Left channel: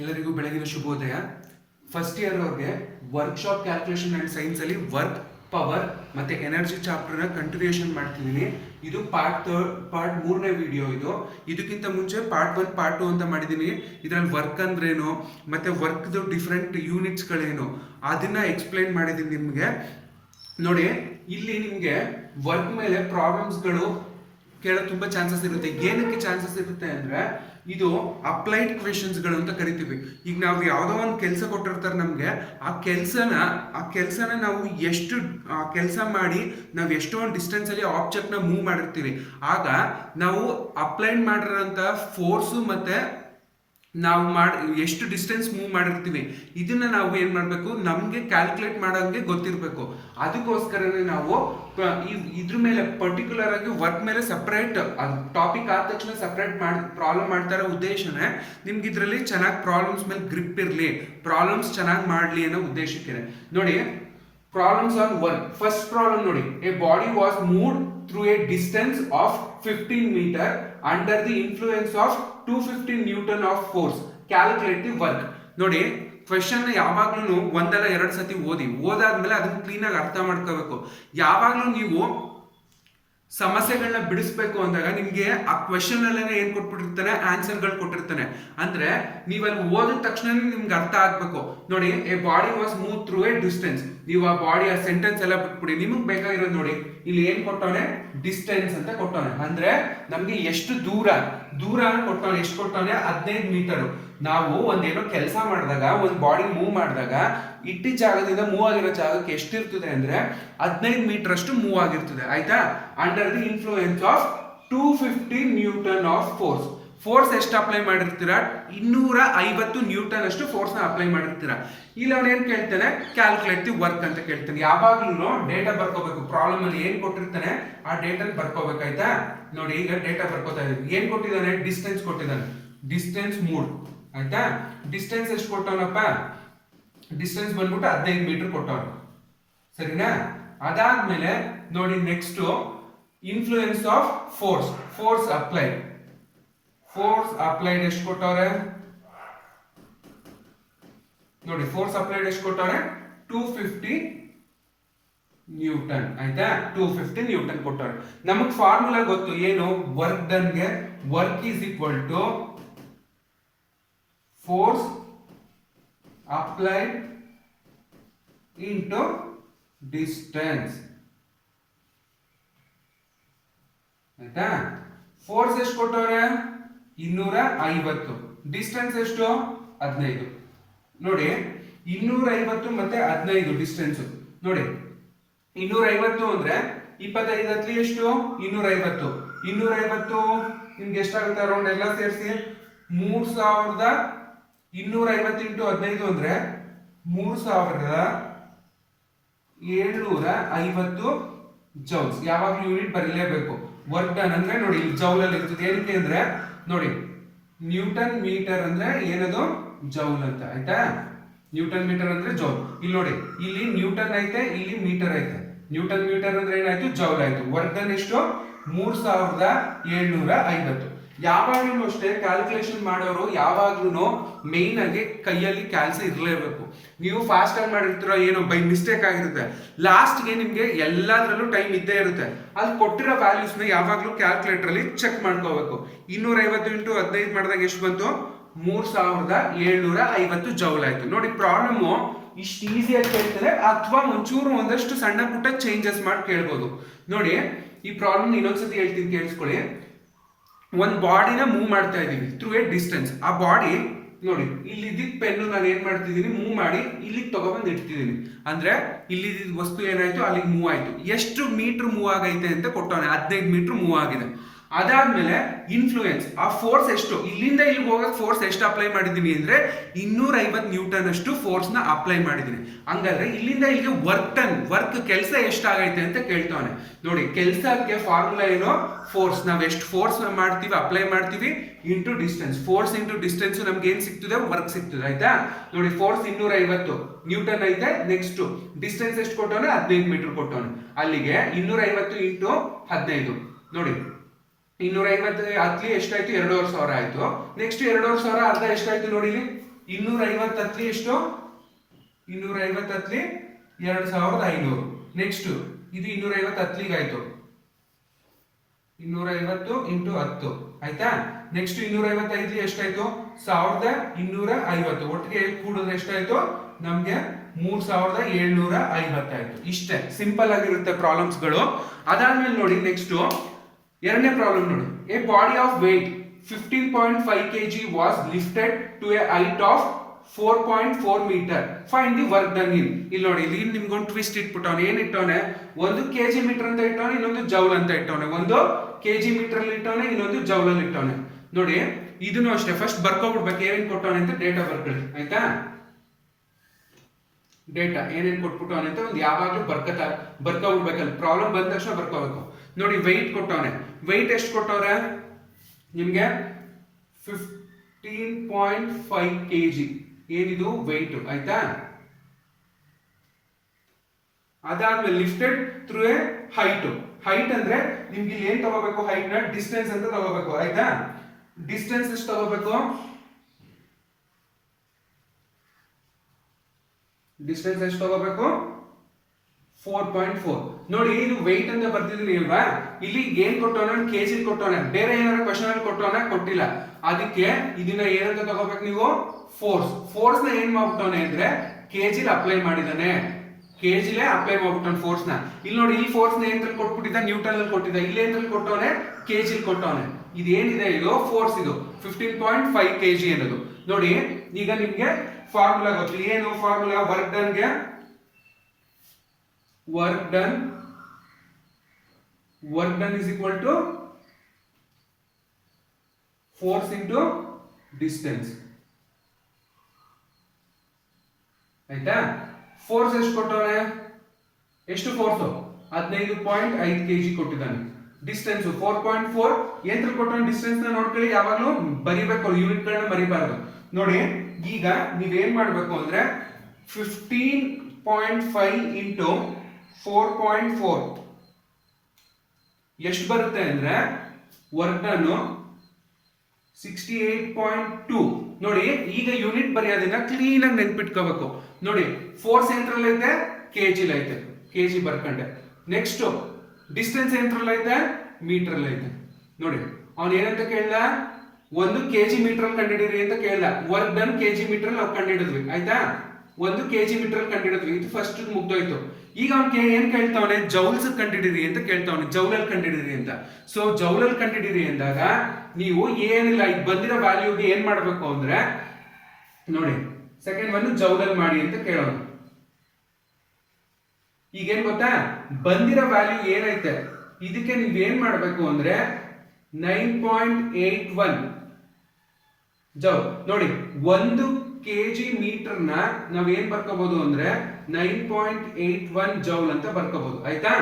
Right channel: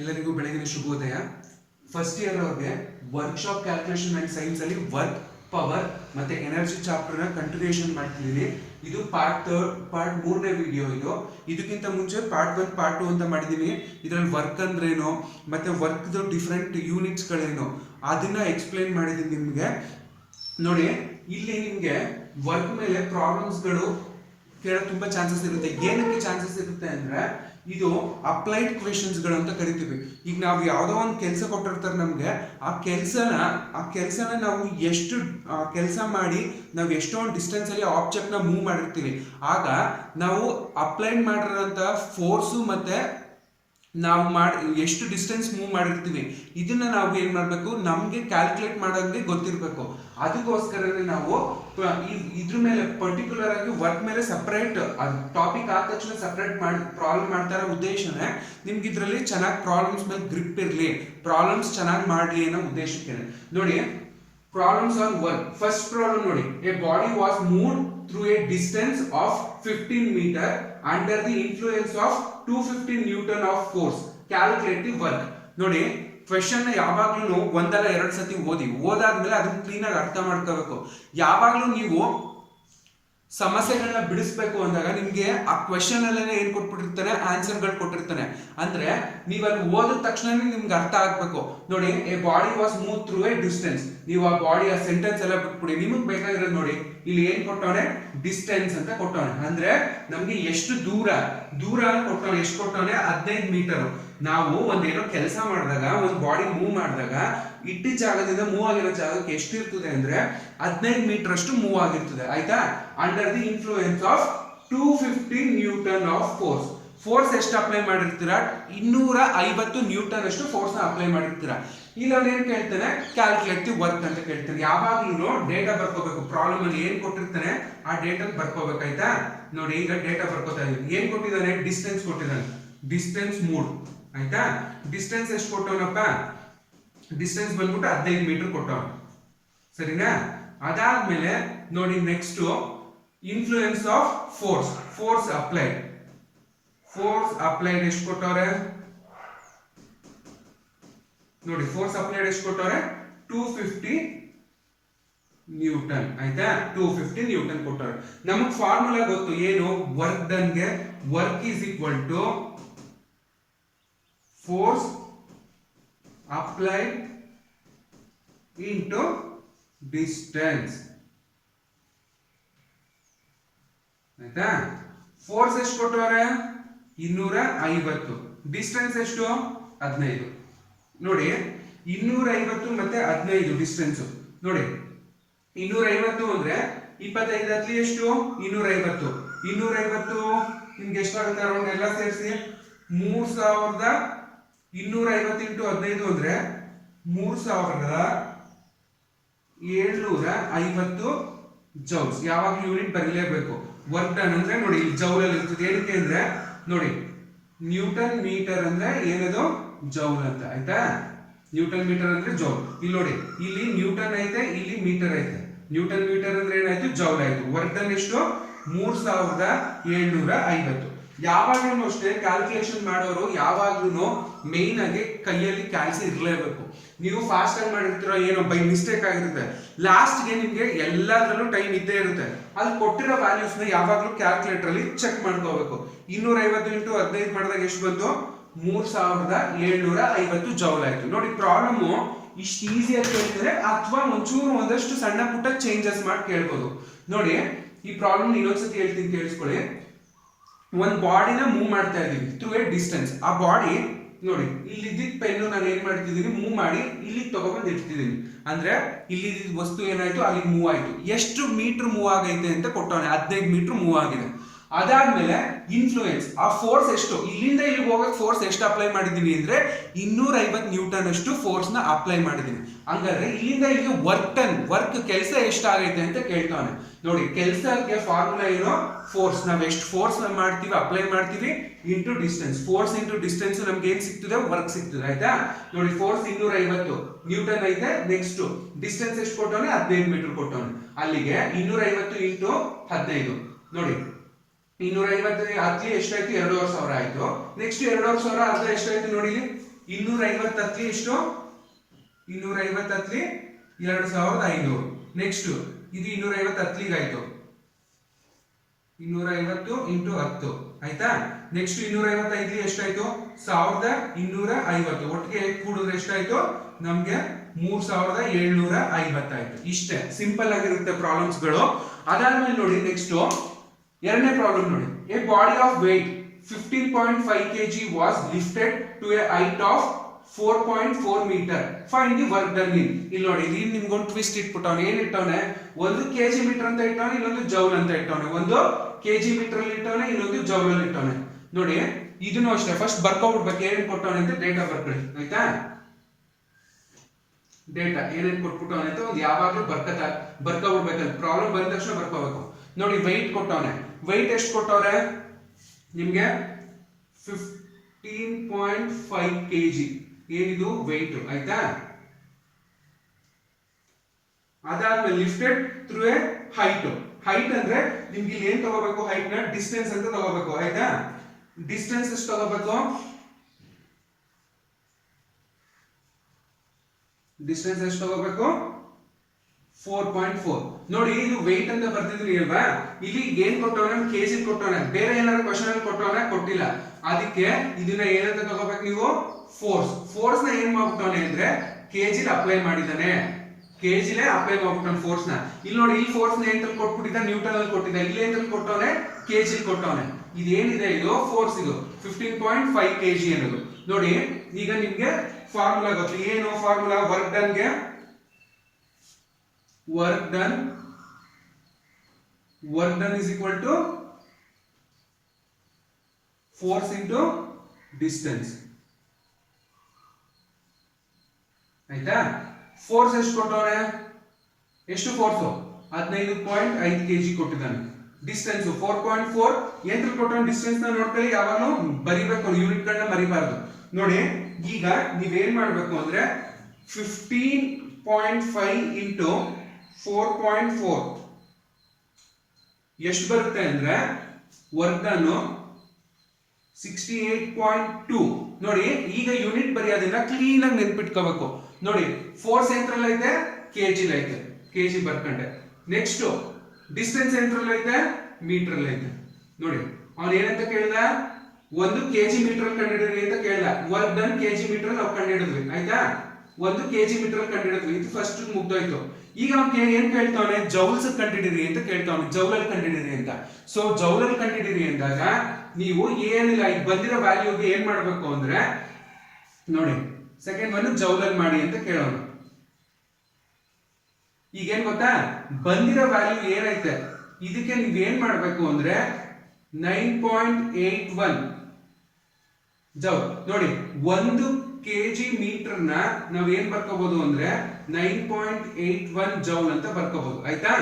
ಎಲ್ಲರಿಗೂ ಬೆಳಗಿನ ಶುಭೋದಯ. ಫಸ್ಟ್ ಇಯರ್ ಅವ್ರಿಗೆ ವರ್ಕ್ಶಾಪ್ ಕ್ಯಾಲ್ಕುಲೇಷನ್ ಆ್ಯಂಡ್ ಸೈನ್ಸಲ್ಲಿ ವರ್ಕ್ ಪವರ್ ಮತ್ತು ಎನರ್ಜಿ ಚಾಪ್ಟರ್ನ ಕಂಟಿನ್ಯೂಷನ್ ಮಾಡ್ತಿದ್ದೀನಿ. ಇದು ಪಾರ್ಟ್ 3ನೇ ವಿಡಿಯೋ. ಇದಕ್ಕಿಂತ ಮುಂಚೆ ಪಾರ್ಟ್ 1 ಪಾರ್ಟ್ 2 ಅಂತ ಮಾಡಿದ್ದೀನಿ. ಇದರಲ್ಲಿ ವರ್ಕ್ ಅಂದ್ರೇನು ಮತ್ತು ವರ್ಕ್ದು ಡಿಫ್ರೆಂಟ್ ಯೂನಿಟ್ಸ್ಗಳೇನು ಅದನ್ನು ಎಕ್ಸ್ಪ್ಲೈನ್ ಮಾಡಿದ್ದೀನಿ ನಿಮಗೆ. ನೋಡಿ, ಇಲ್ಲಿ ನಿಮಗೆ ವರ್ಕ್ ಮೇಲೆ ಪ್ರಾಬ್ಲಮ್ಸ್ಗಳು ಕೇಳೋ ತುಂಬ ಚಾನ್ಸಸ್ ಇರುತ್ತೆ. ಏನಕ್ಕೆ ಚಾನ್ಸಸ್ ಇರುತ್ತೆ ಅಂದರೆ, ಇದು ಅಪ್ಲೈಡ್ ಕ್ವೆಶನ್ಸ್ಗಳು ಅಂತ ಕರಿತೀವಿ. ಈಗ ನಾವು ಯಾವುದೋ ಒಂದು ಕೆಲಸ ಕೊಟ್ಟಿರ್ತಾರೆ ನಮಗೆ, ಆ ಕೆಲಸನ ನಾವು ಎಷ್ಟು ಕೆಲಸ ಮಾಡಿ ನಾವು ಎಷ್ಟೋ ಒಂದು ಡಿಸ್ಟೆನ್ಸಲ್ಲಿ ಆಬ್ಜೆಕ್ಟ್ನ ಮೂವ್ ಮಾಡಿರ್ತೀವಿ, ಆಗ ನಾವು ಅಪ್ಲೈಡ್ ಮಾಡಿರೋಂಥ ಫೋರ್ಸು ಮತ್ತು ನಾವು ಎಷ್ಟು ಡಿಸ್ಟೆನ್ಸ್ ಮೂವ್ ಮಾಡಿರ್ತೀವಿ ಇದನ್ನ ನಾವು ಏನು ಮಾಡಬೇಕು, ನಮಗೆ ಕ್ಯಾಲ್ಕುಲೇಟ್ ಮಾಡೋಂಗೆ ಗೊತ್ತಿರಬೇಕು. ಅದಕ್ಕೋಸ್ಕರನೇ ನಾವು ಇದ್ರ ಮೇಲೆ ಪರ್ಟಿಕ್ಯುಲರ್ ಆಗಿ ವರ್ಕ್ ಮೇಲೆ ಸಪ್ರೇಟ್ ಅದು ಟಾಪಿಕ್ ಆದ ತಕ್ಷಣ ಸಪ್ರೇಟ್ ಪ್ರಾಬ್ಲಮ್ ಮಾಡ್ತಾ ಇರೋ ಉದ್ದೇಶನೇ ನಿಮ್ಗೆ ಇದರಲ್ಲಿ ಚೆನ್ನಾಗಿ ಪ್ರಾಬ್ಲಮ್ಸ್ ಮೇಲೆ ಗ್ರಿಪ್ ಇರಲಿ, ಪ್ರಾಬ್ಲಮ್ಸ್ ಚೆನ್ನಾಗಿ ಮಾಡಲಿ ಅನ್ನೋ ಉದ್ದೇಶಕ್ಕೆ. ನೋಡಿ, problems on work. First problem ನೋಡಿ, a body was moved through a distance of 15 metre under the influence of 250 newton of force, calculate the work. ನೋಡಿ, ಕ್ವೆಶನ್ ಯಾವಾಗ್ಲೂ ಒಂದಲ್ಲ ಎರಡು ಸತಿ ಓದಾದ್ಮೇಲೆ ಅದನ್ನ ಕ್ಲೀನಾಗಿ ಅರ್ಥ ಮಾಡ್ಕೋಬೇಕು. ಯಾವಾಗ್ಲೂ ನೀವು ಸಮಸ್ಯೆಗಳನ್ನ ಬಿಡಿಸ್ಬೇಕು ಅಂದಾಗ ನಿಮ್ಗೆ ಆ ಕ್ವೆಶನ್ ಅಲ್ಲೇ ಏನ್ ಕೊಟ್ಬಿಟ್ಟಿರ್ತಾನೆ, ಆನ್ಸರ್ಗಳು ಕೊಟ್ಟಿರ್ತಾನೆ. ಅಂದ್ರೆ ನೀವು ಅಲ್ಲಿ ಓದಿದ ತಕ್ಷಣ ನಿಮ್ಗೆ ಅರ್ಥ ಆಗ್ಬೇಕು. ನೋಡಿ, a body was move through a distance. ನೀವು ಆ ಬಾಡಿ ಆ ಸೆಂಟೆನ್ಸ್ ಎಲ್ಲ ಬಿಟ್ಬಿಡಿ. ನಿಮಗೆ ಬೇಕಾಗಿರೋದು ನೋಡಿ, ಇಲ್ಲಿ ಏನ್ ಕೊಟ್ಟವನೆ, ಡಿಸ್ಟೆನ್ಸ್ ಅಂತ ಕೊಟ್ಟವನೆ. ಅಂದ್ರೆ ನಮ್ಗೆ ಎಷ್ಟು ದೂರ ಕೊಟ್ಟವನೆ. ಎಷ್ಟು ಕೊಟ್ಟವನೆ? 15 ಮೀಟರ್. ನಾವು ಒಂದೇನೋ ಕೆಲಸ ಮಾಡಿದಾಗ, ಒಂದು ಬಾಡಿ ಮೂವ್ ಮಾಡಿದಾಗ ಇಟ್ಟಿದ್ದ ಜಾಗದಿಂದ ಮೂವ್ ಆಗಿರೋ ಜಾಗಕ್ಕೆ ಎಷ್ಟಿರ್ತದೆ ಅಂದ್ರೆ 15 ಮೀಟರ್ ಅಷ್ಟು ಮೂವ್ ಆಗಿರ್ತದೆ. ಆಯ್ತಾ? Under the influence of 250 newton of force. Force ಎಷ್ಟು ಅಪ್ಲೈ ಮಾಡಿರ್ತೀರಾ? 250 ನ್ಯೂಟನ್ ಅಷ್ಟು ಫೋರ್ಸ್ ನ ಅಪ್ಲೈ ಮಾಡಿರ್ತೀರಾ. ಇಲ್ಲ ಅವ್ನು ಏನ್ ಕೇಳ್ತಾನೆ, ಕ್ಯಾಲ್ಕುಲೇಟ್ ದಿ ವರ್ಕ್ ಅಂತ ಕೇಳ್ತಾನೆ. ಯಾವಾಗ್ಲೂ ಡೇಟಾ ಬರ್ಕೋಬೇಕು. ಪ್ರಾಬ್ಲಮ್ ಅಲ್ಲಿ ಏನ್ ಕೊಟ್ಟಿರ್ತಾನೆ ಆ ಡೇಟಾ ಬರ್ಕೋಬೇಕಾಯ್ತಾ? ನೋಡಿ, ಈಗ ಡೇಟಾ ಬರ್ಕೋತಾ ಇದೀವಿ. ಏನ್ ಕೊಟ್ಟಿದ್ದಾನೆ? ಡಿಸ್ಟೆನ್ಸ್ ಕೊಟ್ಟಿದ್ದಾನೆ. Distance mood. ಆಯ್ತಾ? ಡಿಸ್ಟೆನ್ಸ್ ಎಷ್ಟು ಕೊಟ್ಟವನಪ್ಪ? ಡಿಸ್ಟೆನ್ಸ್ ಬಂದ್ಬಿಟ್ಟು 15 ಮೀಟರ್ ಕೊಟ್ಟವನು. ಸರಿನಾ? ಅದಾದ್ಮೇಲೆ ನೋಡಿ, next influence of force applied ಎಷ್ಟು ಕೊಟ್ಟವ್ರೆ ನೋಡಿ. ಫೋರ್ಸ್ ಅಪ್ಲೈಡ್ ಎಷ್ಟು ಕೊಟ್ಟವ್ರೆ? 250 ನ್ಯೂಟನ್. ಆಯ್ತಾ? 250 ನ್ಯೂಟನ್ ಕೊಟ್ಟವ್ರೆ. ನಮಗ್ ಫಾರ್ಮುಲಾ ಗೊತ್ತು ಏನು? ವರ್ಕ್ ಡನ್ಗೆ work is equal to force applied into distance. ಆಯ್ತಾ? ಫೋರ್ಸ್ ಎಷ್ಟು ಕೊಟ್ಟವ್ರೆ? 250. ಡಿಸ್ಟೆನ್ಸ್ ಎಷ್ಟು? 15. ನೋಡಿ, 250 ಮತ್ತೆ 15 ಡಿಸ್ಟೆನ್ಸ್. ನೋಡಿ, 250 ಅಂದ್ರೆ 25 ಹತ್ಲಿ ಎಷ್ಟು? 250. 250 ನಿಮ್ಗೆ ಎಷ್ಟಾಗುತ್ತೆ? ಅರೌಂಡ್ ಎಲ್ಲ ಸೇರಿಸಿ 3250 ಇಂಟು 15 ಅಂದ್ರೆ 3750 ಜೌಲ್ಸ್. ಯಾವಾಗ ಯೂನಿಟ್ ಬರಲೇಬೇಕು. ವರ್ಕ್ ಡನ್ ಅಂದ್ರೆ ನೋಡಿ, ಇಲ್ಲಿ ಜೌಲ್ ಅಲ್ಲಿ ಇರ್ತದೆ. ಏನಕ್ಕೆ ಅಂದ್ರೆ ನೋಡಿ, ನ್ಯೂಟನ್ ಮೀಟರ್ ಅಂದ್ರೆ ಏನದು? ಜೌಲ್ ಅಂತ. ಆಯ್ತಾ? ನ್ಯೂಟನ್ ಮೀಟರ್ ಅಂದ್ರೆ ಜೌಲ್. ಇಲ್ಲಿ ನೋಡಿ, ಇಲ್ಲಿ ನ್ಯೂಟನ್ ಐತೆ, ಇಲ್ಲಿ ಮೀಟರ್ ಐತೆ. ನ್ಯೂಟನ್ ಮೀಟರ್ ಅಂದ್ರೆ ಏನಾಯ್ತು? ಜೌಲ್ ಆಯ್ತು. ವರ್ಕ್ ಡನ್ ಎಷ್ಟು? 3750. ಯಾವಾಗ್ಲೂ ಅಷ್ಟೇ ಕ್ಯಾಲ್ಕುಲೇಷನ್ ಮಾಡೋರು ಯಾವಾಗ್ಲೂ ಮೇನ್ ಆಗಿ ಕೈಯಲ್ಲಿ ಕ್ಯಾಲ್ಸಿ ಇರಲೇಬೇಕು. ನೀವು ಫಾಸ್ಟ್ ಆಗಿ ಮಾಡಿರ್ತೀರೋ ಏನೋ ಬೈ ಮಿಸ್ಟೇಕ್ ಆಗಿರುತ್ತೆ, ಲಾಸ್ಟ್ಗೆ ನಿಮ್ಗೆ ಎಲ್ಲದರಲ್ಲೂ ಟೈಮ್ ಇದ್ದೇ ಇರುತ್ತೆ. ಅಲ್ಲಿ ಕೊಟ್ಟಿರೋ ವ್ಯಾಲ್ಯೂಸ್ನ ಯಾವಾಗ್ಲೂ ಕ್ಯಾಲ್ಕುಲೇಟರ್ ಅಲ್ಲಿ ಚೆಕ್ ಮಾಡ್ಕೋಬೇಕು. 250 ಇಂಟು 15 ಮಾಡಿದಾಗ ಎಷ್ಟು ಬಂತು? 3750 ಜೌಲ್ ಆಯ್ತು. ನೋಡಿ, ಪ್ರಾಬ್ಲಮ್ ಇಷ್ಟು ಈಸಿಯಾಗಿ ಕೇಳ್ತಾರೆ, ಅಥವಾ ಒಂದಷ್ಟು ಸಣ್ಣ ಪುಟ್ಟ ಚೇಂಜಸ್ ಮಾಡಿ ಕೇಳ್ಬೋದು. ನೋಡಿ, ಈ ಪ್ರಾಬ್ಲಮ್ ಇನ್ನೊಂದ್ಸತಿ ಹೇಳ್ತೀನಿ, ಕೇಳಿಸ್ಕೊಳ್ಳಿ. ಒಂದು ಬಾಡಿನ ಮೂವ್ ಮಾಡ್ತಾ ಇದ್ದೀವಿ ಥ್ರೂ ಎ ಡಿಸ್ಟೆನ್ಸ್. ಆ ಬಾಡಿ ನೋಡಿ, ಇಲ್ಲಿ ಇದ್ದಿದ್ದ ಪೆನ್ನು ನಾನು ಏನ್ ಮಾಡ್ತಿದ್ದೀನಿ, ಮೂವ್ ಮಾಡಿ ಇಲ್ಲಿಗೆ ತಗೊಬಂದು ಇಡ್ತಿದ್ದೀನಿ. ಅಂದ್ರೆ ಇಲ್ಲಿ ವಸ್ತು ಏನಾಯ್ತು, ಅಲ್ಲಿಗೆ ಮೂವ್ ಆಯ್ತು. ಎಷ್ಟು ಮೀಟರ್ ಮೂವ್ ಆಗೈತೆ ಅಂತ ಕೊಟ್ಟವನೆ, 15 ಮೀಟರ್ ಮೂವ್ ಆಗಿದೆ. ಅದಾದ್ಮೇಲೆ ಇನ್ಫ್ಲೂಯೆನ್ಸ್, ಆ ಫೋರ್ಸ್ ಎಷ್ಟು, ಇಲ್ಲಿಂದ ಇಲ್ಲಿಗೆ ಹೋಗಕ್ಕೆ ಫೋರ್ಸ್ ಎಷ್ಟು ಅಪ್ಲೈ ಮಾಡಿದೀನಿ ಅಂದ್ರೆ 250 ನ್ಯೂಟನ್ ಅಷ್ಟು ಫೋರ್ಸ್ ನ ಅಪ್ಲೈ ಮಾಡಿದೀನಿ. ಹಂಗಾದ್ರೆ ಇಲ್ಲಿಂದ ಇಲ್ಲಿಗೆ ವರ್ಕ್ ಕೆಲಸ ಎಷ್ಟಾಗೈತೆ ಅಂತ ಕೇಳ್ತಾನೆ. ನೋಡಿ, ಕೆಲಸಕ್ಕೆ ಫಾರ್ಮುಲಾ ಏನು? ಫೋರ್ಸ್. ನಾವ್ ಎಷ್ಟು ಫೋರ್ಸ್ ಮಾಡ್ತೀವಿ, ಅಪ್ಲೈ ಮಾಡ್ತೀವಿ, into distance. Force into distance ನಮ್ಗೆ ಏನ್ ಸಿಗ್ತದೆ? ವರ್ಕ್ ಸಿಗ್ತದೆ. ಆಯ್ತಾ? ನೋಡಿ, ಫೋರ್ಸ್ 250 ನ್ಯೂಟನ್ ಐತೆ. ನೆಕ್ಸ್ಟ್ ಡಿಸ್ಟೆನ್ಸ್ ಎಷ್ಟು ಕೊಟ್ಟವನೆ? 15 ಮೀಟರ್ ಕೊಟ್ಟವನೆ. ಅಲ್ಲಿಗೆ 250 ಇಂಟು 15. ನೋಡಿ, 250 ಹತ್ಲಿ ಎಷ್ಟಾಯ್ತು? 2500 ಆಯ್ತು. ನೆಕ್ಸ್ಟ್ 2500 ಅರ್ಧ ಎಷ್ಟಾಯ್ತು ನೋಡಿ, ಇಲ್ಲಿ 250 ಹತ್ಲಿ ಎಷ್ಟು 250 ಹತ್ಲಿ 2500. ನೆಕ್ಸ್ಟ್ ಇದು 250 ಹತ್ಲಿಗೆ ಆಯ್ತು 250 ಇಂಟು 10 ಆಯ್ತಾ. ನೆಕ್ಸ್ಟ್ 255 ಎಷ್ಟಾಯ್ತು 1250. ಒಟ್ಟಿಗೆ ಕೂಡಿದ್ರೆ ಎಷ್ಟಾಯ್ತು ನಮ್ಗೆ 3750 ಆಯ್ತು. ಇಷ್ಟೇ ಸಿಂಪಲ್ ಆಗಿರುತ್ತೆ ಪ್ರಾಬ್ಲಮ್ಸ್ ಗಳು. ಅದಾದ್ಮೇಲೆ ನೋಡಿ ನೆಕ್ಸ್ಟ್ ಎರಡನೇ ಪ್ರಾಬ್ಲಮ್ ನೋಡಿ. A body of wait 15.5 kg was lifted to a height of 4.4 meter. Find the work done in. ಇಲ್ಲಿ ನೋಡಿ ಇಲ್ಲಿ ನಿಮ್ಗೊಂದು ಟ್ವಿಸ್ಟ್ ಇಟ್ಬಿಟ್ಟವನೆ. ಏನ್ ಇಟ್ಟವನೆ, ಒಂದು ಕೆಜಿ ಮೀಟರ್ ಅಂತ ಇಟ್ಟವನೆ, ಇನ್ನೊಂದು ಜೌಲ್ ಅಂತ ಇಟ್ಟವನೆ. ಒಂದು ಕೆಜಿ ಮೀಟರ್ ಅಲ್ಲಿ ಇಟ್ಟವನೆ, ಇನ್ನೊಂದು ಜೌಲ್ ಅಲ್ಲಿ ಇಟ್ಟವನೆ. ನೋಡಿ ಇದನ್ನು ಅಷ್ಟೇ ಫಸ್ಟ್ ಬರ್ಕೋಬಿಡ್ಬೇಕು ಏನೇನ್ ಕೊಟ್ಟವನೆ ಅಂತ ಡೇಟಾ ಬರ್ಕೊಳ್ಳಿ ಆಯ್ತಾ. ಡೇಟಾ ಏನೇನ್ ಕೊಟ್ಬಿಟ್ಟವನೆ ಅಂತ ಒಂದು ಯಾವಾಗ್ಲೂ ಬರ್ಕೋಬಿಡ್ಬೇಕಲ್ಲಿ. ಪ್ರಾಬ್ಲಮ್ ಬಂದ ತಕ್ಷಣ ಬರ್ಕೋಬೇಕು. ನೋಡಿ ವೆಯ್ಟ್ ಕೊಟ್ಟವನೆ. ವೆಯ್ಟ್ ಎಷ್ಟು ಕೊಟ್ಟವ್ರೆ ನಿಮ್ಗೆ 15.5 kg ಏನಿದು ವೆಯ್ಟ್ ಆಯ್ತಾ. ಅದಾದ್ಮೇಲೆ lifted through A height. Height ಅಂದ್ರೆ ನಿಮ್ಗೆ ಇಲ್ಲಿ ಏನ್ ತಗೋಬೇಕು, ಹೈಟ್ ನ ಡಿಸ್ಟೆನ್ಸ್ ಅಂತ ತಗೋಬೇಕು ಆಯ್ತಾ. ಡಿಸ್ಟೆನ್ಸ್ ಎಷ್ಟು ತಗೋಬೇಕು, ಡಿಸ್ಟೆನ್ಸ್ ಎಷ್ಟು ತಗೋಬೇಕು 4.4. ನೋಡಿ ಇದು ವೆಯ್ಟ್ ಅಂತ ಬರ್ತಿದ್ರಿ ಅಲ್ವಾ, ಇಲ್ಲಿ ಏನ್ ಕೊಟ್ಟವನ ಕೆಜಿ ಕೊಟ್ಟವನ, ಬೇರೆ ಏನಾದ್ರು ಕ್ವಶನ್ ಅಲ್ಲಿ ಕೊಟ್ಟವನ ಕೊಟ್ಟಿಲ್ಲ. ಅದಕ್ಕೆ ಇದನ್ನ ಏನಂತ ತಗೋಬೇಕು ನೀವು ಫೋರ್ಸ್ ನ ಏನ್ ಮಾಡ್ಬಿಟ್ಟವನೆ ಅಂದ್ರೆ ಕೆಜಿಲಿ ಅಪ್ಲೈ ಮಾಡಿದಾನೆ. ಕೆಜಿಲೆ ಅಪ್ಲೈ ಮಾಡ್ಬಿಟ್ಟವನ ಫೋರ್ಸ್ ನ. ಇಲ್ಲಿ ನೋಡಿ ಇಲ್ಲಿ ಫೋರ್ಸ್ ನ ಏನ್ ಕೊಟ್ಬಿಟ್ಟಿದ್ದ ನ್ಯೂಟನ್ ಅಲ್ಲಿ ಕೊಟ್ಟಿದ್ದ, ಇಲ್ಲಿ ಏನ್ ಕೊಟ್ಟವನೆ ಕೆಜಿಲಿ ಕೊಟ್ಟವನೆ. ಇದೇನಿದೆ ಇದು ಫೋರ್ಸ್, ಇದು 15.5 kg ಅನ್ನೋದು. ನೋಡಿ ಈಗ ನಿಮ್ಗೆ ಫಾರ್ಮುಲಾ ಗೊತ್ತು. ಏನು ಫಾರ್ಮುಲಾ, ವರ್ಕ್ ಡನ್ ಗೆ work done is equal to force into distance ಆಯ್ತಾ. ಫೋರ್ಸ್ ಎಷ್ಟು ಕೊಟ್ಟವನೆ, ಎಷ್ಟು ಫೋರ್ಸ್ 15.5 kg ಕೊಟ್ಟಿದ್ದಾನೆ. ಡಿಸ್ಟೆನ್ಸ್ 4.4 ಏನ್ ಕೊಟ್ಟವನೆ. ಡಿಸ್ಟೆನ್ಸ್ ನ ನೋಡ್ಕೊಳ್ಳಿ, ಯಾವಾಗಲೂ ಬರಿಬೇಕು, ಯೂನಿಟ್ ಗಳನ್ನ ಮರಿಬಾರದು. ನೋಡಿ ಈಗ ನೀವೇನ್ ಮಾಡ್ಬೇಕು ಅಂದ್ರೆ 15.5 ಇಂಟು 4.4 ಎಷ್ಟು ಬರುತ್ತೆ ಅಂದ್ರೆ ವರ್ಕ್ ಡನ್ 68.2. ನೋಡಿ ಈಗ ಯೂನಿಟ್ ಬರೆಯೋದನ್ನ ಕ್ಲೀನ್ ಆಗಿ ನೆನ್ಪಿಟ್ಕೋಬೇಕು. ನೋಡಿ ಫೋರ್ಸ್ ಎಂಟ್ರಲ್ ಐತೆ, ಕೆಜಿ ಐತೆ, ಕೆಜಿ ಬರ್ಕೊಂಡೆ. ನೆಕ್ಸ್ಟ್ ಡಿಸ್ಟೆನ್ಸ್ ಎಂಟ್ರಲ್ ಐತೆ, ಮೀಟರ್ ಅಲ್ಲಿ ಐತೆ. ನೋಡಿ ಅವನು ಏನಂತ ಕೇಳ್ದ, ಒಂದು ಕೆಜಿ ಮೀಟರ್ ಅಲ್ಲಿ ಕಂಡಿಡಿದ್ರಿ ಅಂತ ಕೇಳ್ದ. ವರ್ಕ್ ಡನ್ ಕೆಜಿ ಮೀಟರ್ ನಾವು ಕಂಡಿಡಿದ್ವಿ ಆಯ್ತಾ. ಒಂದು ಕೆಜಿ ಮೀಟರ್ ಕಂಡಿಡಿದ್ವಿ, ಇದು ಫಸ್ಟ್ ಮುಗ್ದೋಯ್ತು. ಈಗ ಅವ್ನಿಗೆ ಏನ್ ಕೇಳ್ತಾವನೆ, ಜೌಲ್ಸ್ ಕಂಡಿಡಿರಿ ಅಂತ ಕೇಳ್ತಾವನೆ, ಜೌಲಲ್ಲಿ ಕಂಡಿಡಿರಿ ಅಂತ. ಸೊ ಜೌಲಲ್ಲಿ ಕಂಡಿಡಿರಿ ಅಂದಾಗ ನೀವು ಏನಿಲ್ಲ, ಈಗ ಬಂದಿರೋ ವ್ಯಾಲ್ಯೂಗೆ ಏನ್ ಮಾಡ್ಬೇಕು ಅಂದ್ರೆ ನೋಡಿ ಸೆಕೆಂಡ್ ಒನ್ ಜೌಲಲ್ಲಿ ಮಾಡಿ ಅಂತ ಕೇಳೋಣ. ಈಗೇನ್ ಗೊತ್ತಾ, ಬಂದಿರೋ ವ್ಯಾಲ್ಯೂ ಏನೈತೆ ಇದಕ್ಕೆ ನೀವ್ ಏನ್ ಮಾಡ್ಬೇಕು ಅಂದ್ರೆ 9.81 ಜೌಲ್. ನೋಡಿ ಒಂದು ಕೆಜಿ ಮೀಟರ್ ನ ನಾವ್ ಏನ್ ಬರ್ಕೋಬಹುದು ಅಂದ್ರೆ 9.81 ಜೌಲ್ ಅಂತ ಬರ್ಕೋಬಹುದು ಆಯ್ತಾ.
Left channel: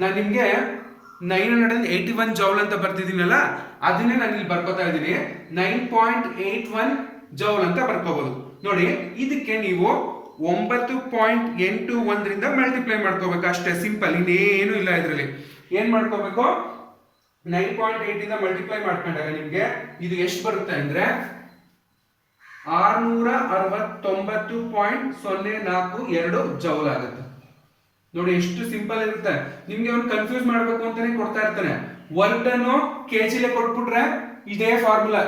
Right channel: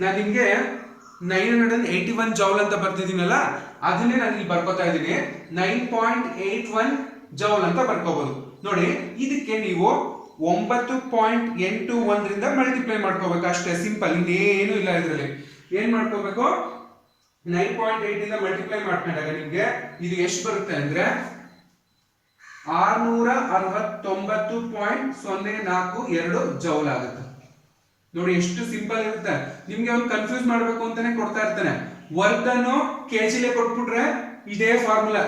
ನಾನು ನಿಮ್ಗೆ 981 ಜೌಲ್ ಅಂತ ಬರ್ತಿದ್ದೀನಲ್ಲ, ಅದನ್ನೇ ನಾನು ಇಲ್ಲಿ ಬರ್ಕೋತಾ ಇದ್ದೀನಿ 9.81 ಜೌಲ್ ಅಂತ ಬರ್ಕೋಬಹುದು. ನೋಡಿ ಇದಕ್ಕೆ ನೀವು 9.81 ರಿಂದ ಮಲ್ಟಿಪ್ಲೈ ಮಾಡ್ಕೋಬೇಕು ಅಷ್ಟೇ, ಸಿಂಪಲ್, ಇನ್ನೇನು ಇಲ್ಲ ಇದರಲ್ಲಿ. ಏನ್ ಮಾಡ್ಕೋಬೇಕು 9.8 ಇಂದ ಮಲ್ಟಿಪ್ಲೈ ಮಾಡ್ಕೊಂಡಾಗ ನಿಮ್ಗೆ ಇದು ಎಷ್ಟು ಬರುತ್ತೆ ಅಂದ್ರೆ 669.042 ಜೌಲ್ ಆಗುತ್ತೆ. ನೋಡಿ ಎಷ್ಟು ಸಿಂಪಲ್ ಇರುತ್ತೆ. ನಿಮ್ಗೆ ಅವ್ನು ಕನ್ಫ್ಯೂಸ್ ಮಾಡ್ಬೇಕು ಅಂತಾನೆ ಕೊಡ್ತಾ ಇರ್ತಾನೆ. ವರ್ಕ್ ಡನ್ ಕೆಜಿಲೆ ಕೊಟ್ಬಿಟ್ರೆ ಇದೇ ಫಾರ್ಮುಲಾ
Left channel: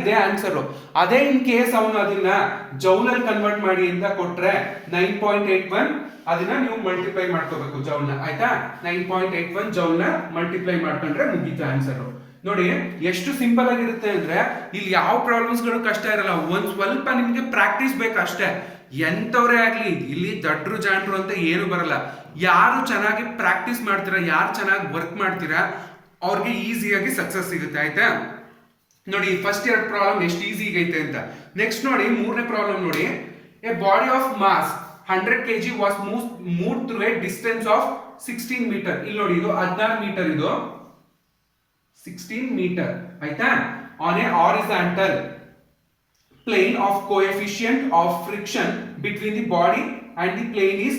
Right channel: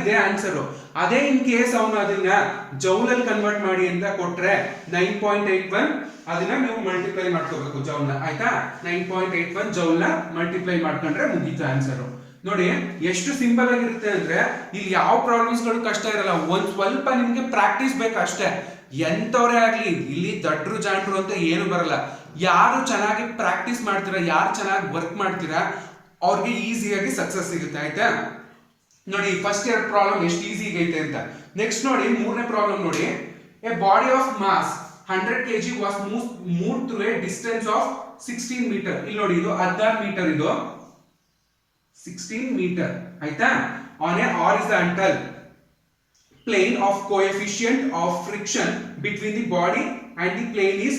ಇದೇ ಆನ್ಸರ್. ಅದೇ ಇನ್ ಕೇಸ್ ಅವನು ಅದನ್ನ ಜೌಲಲ್ಲಿ ಕನ್ವರ್ಟ್ ಮಾಡಿ ಅಂತ ಕೊಟ್ರೆ 9.81 ಅದನ್ನ ನೀವು ಮಲ್ಟಿಪ್ಲೈ ಮಾಡ್ಕೋಬೇಕು ಜೌಲ್ನ ಆಯ್ತಾ. 9.81 ಜೌಲ್ನ ಮಲ್ಟಿಪ್ಲೈ ಮಾಡ್ಕೊಂಡ್ರೆ ಮುಗೀತು ಆನ್ಸರ್. ನೋಡಿ ಎಷ್ಟು ಸಿಂಪಲ್ ಆಗಿರುತ್ತೆ ಅಂದ್ರೆ ಇಲ್ಲಿ ಯಾವ ಪ್ರಾಬ್ಲಮ್ಸ್ ಗಳು ಕಷ್ಟ ಇರಲ್ಲ. ಒಂದ್ ಸ್ವಲ್ಪ ನಿಮ್ಗೆ ಪ್ರಾಕ್ಟೀಸ್ ಬೇಕಷ್ಟೇ. ಎಂತವ್ರೇ ಆಗ್ಲಿ ಇಲ್ಲಿ ದಡ್ರು ಜಾಂಡ್ರು ಅಂತ ಏನು ಬರಲ್ಲ. ಯಾರು ಚೆನ್ನಾಗಿ ಪ್ರಾಕ್ಟೀಸ್ ಮಾಡ್ತೀರಾ, ಯಾರು ಚೆನ್ನಾಗಿ ವರ್ಕ್ ಮಾಡ್ತೀರಾ ಅವ್ರಿಗೆ ಈಸಿಯಾಗಿ ಸಕ್ಸಸ್ ಸಿಗುತ್ತೆ ಆಯ್ತಾ. ನೋಡಿ ಫಸ್ಟ್ ಎರಡು ಪ್ರಾಬ್ಲಮ್ ಎಷ್ಟು ಈಸಿ ಐತೆ ಅಂತ. ನೆಕ್ಸ್ಟ್ ನೋಡಿ ಮೂರನೇ ಪ್ರಾಬ್ಲಮ್ ನೋಡಿ. A body of mass 100 kg was move through a distance of 16 meter. ಇಲ್ಲಿ ನೋಡಿ ಇದು 16 ಮೀಟರ್, ಇದು 16 ಮೀಟರ್ ಆಯ್ತಾ. On a horizontal plane of coefficient of friction between the body and the plane is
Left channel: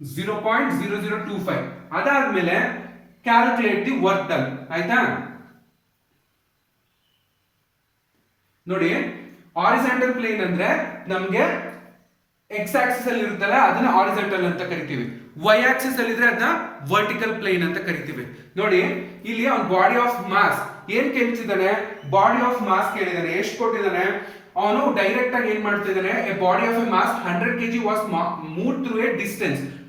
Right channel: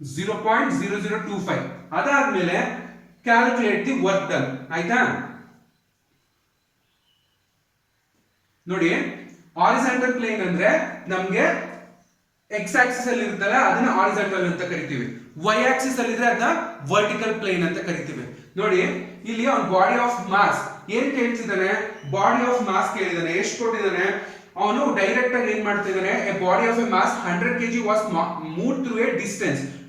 0.0025. ಅದಾದ್ಮೇಲೆ calculate the work done ಆಯ್ತಾ. ನೋಡಿ horizontal plane ಅಂದ್ರೆ ನಮ್ಗೆ ಎಕ್ಸ್ ಆಕ್ಸಿಸ್ ಅಲ್ಲಿ ಇರುತ್ತಲ್ಲ ಅದನ್ನ ಹಾರಿಜಾಂಟಲ್ ಅಂತ ಕರಿತೀವಿ, ವೈ ಆಕ್ಸಿಸ್ ಅಲ್ಲಿ ಇದ್ರೆ ಅದನ್ನ ವರ್ಟಿಕಲ್ ಪ್ಲೇನ್ ಅಂತ ಕರಿತೀವಿ. ನೋಡಿ ಇಲ್ಲಿ ಅವ್ನ ಬಾಡಿ ಆಫ್ ಮಾಸ್ ಏನ್ ಕೇಳ್ತಿದ್ದಾನೆ, ಬಾಡಿ ಆಫ್ ಮಾಸ್ ಕೇಳಿದಾನೆ, ಎಷ್ಟು ಕೊಟ್ಟಿದ್ದಾನೆ, ಅವನು ಡೈರೆಕ್ಟ್ ಆಗಿ ಏನ್ ಮಾಡ್ತಾ ಇದ್ದಾನೆ, a body of a mass 100 kg was move through a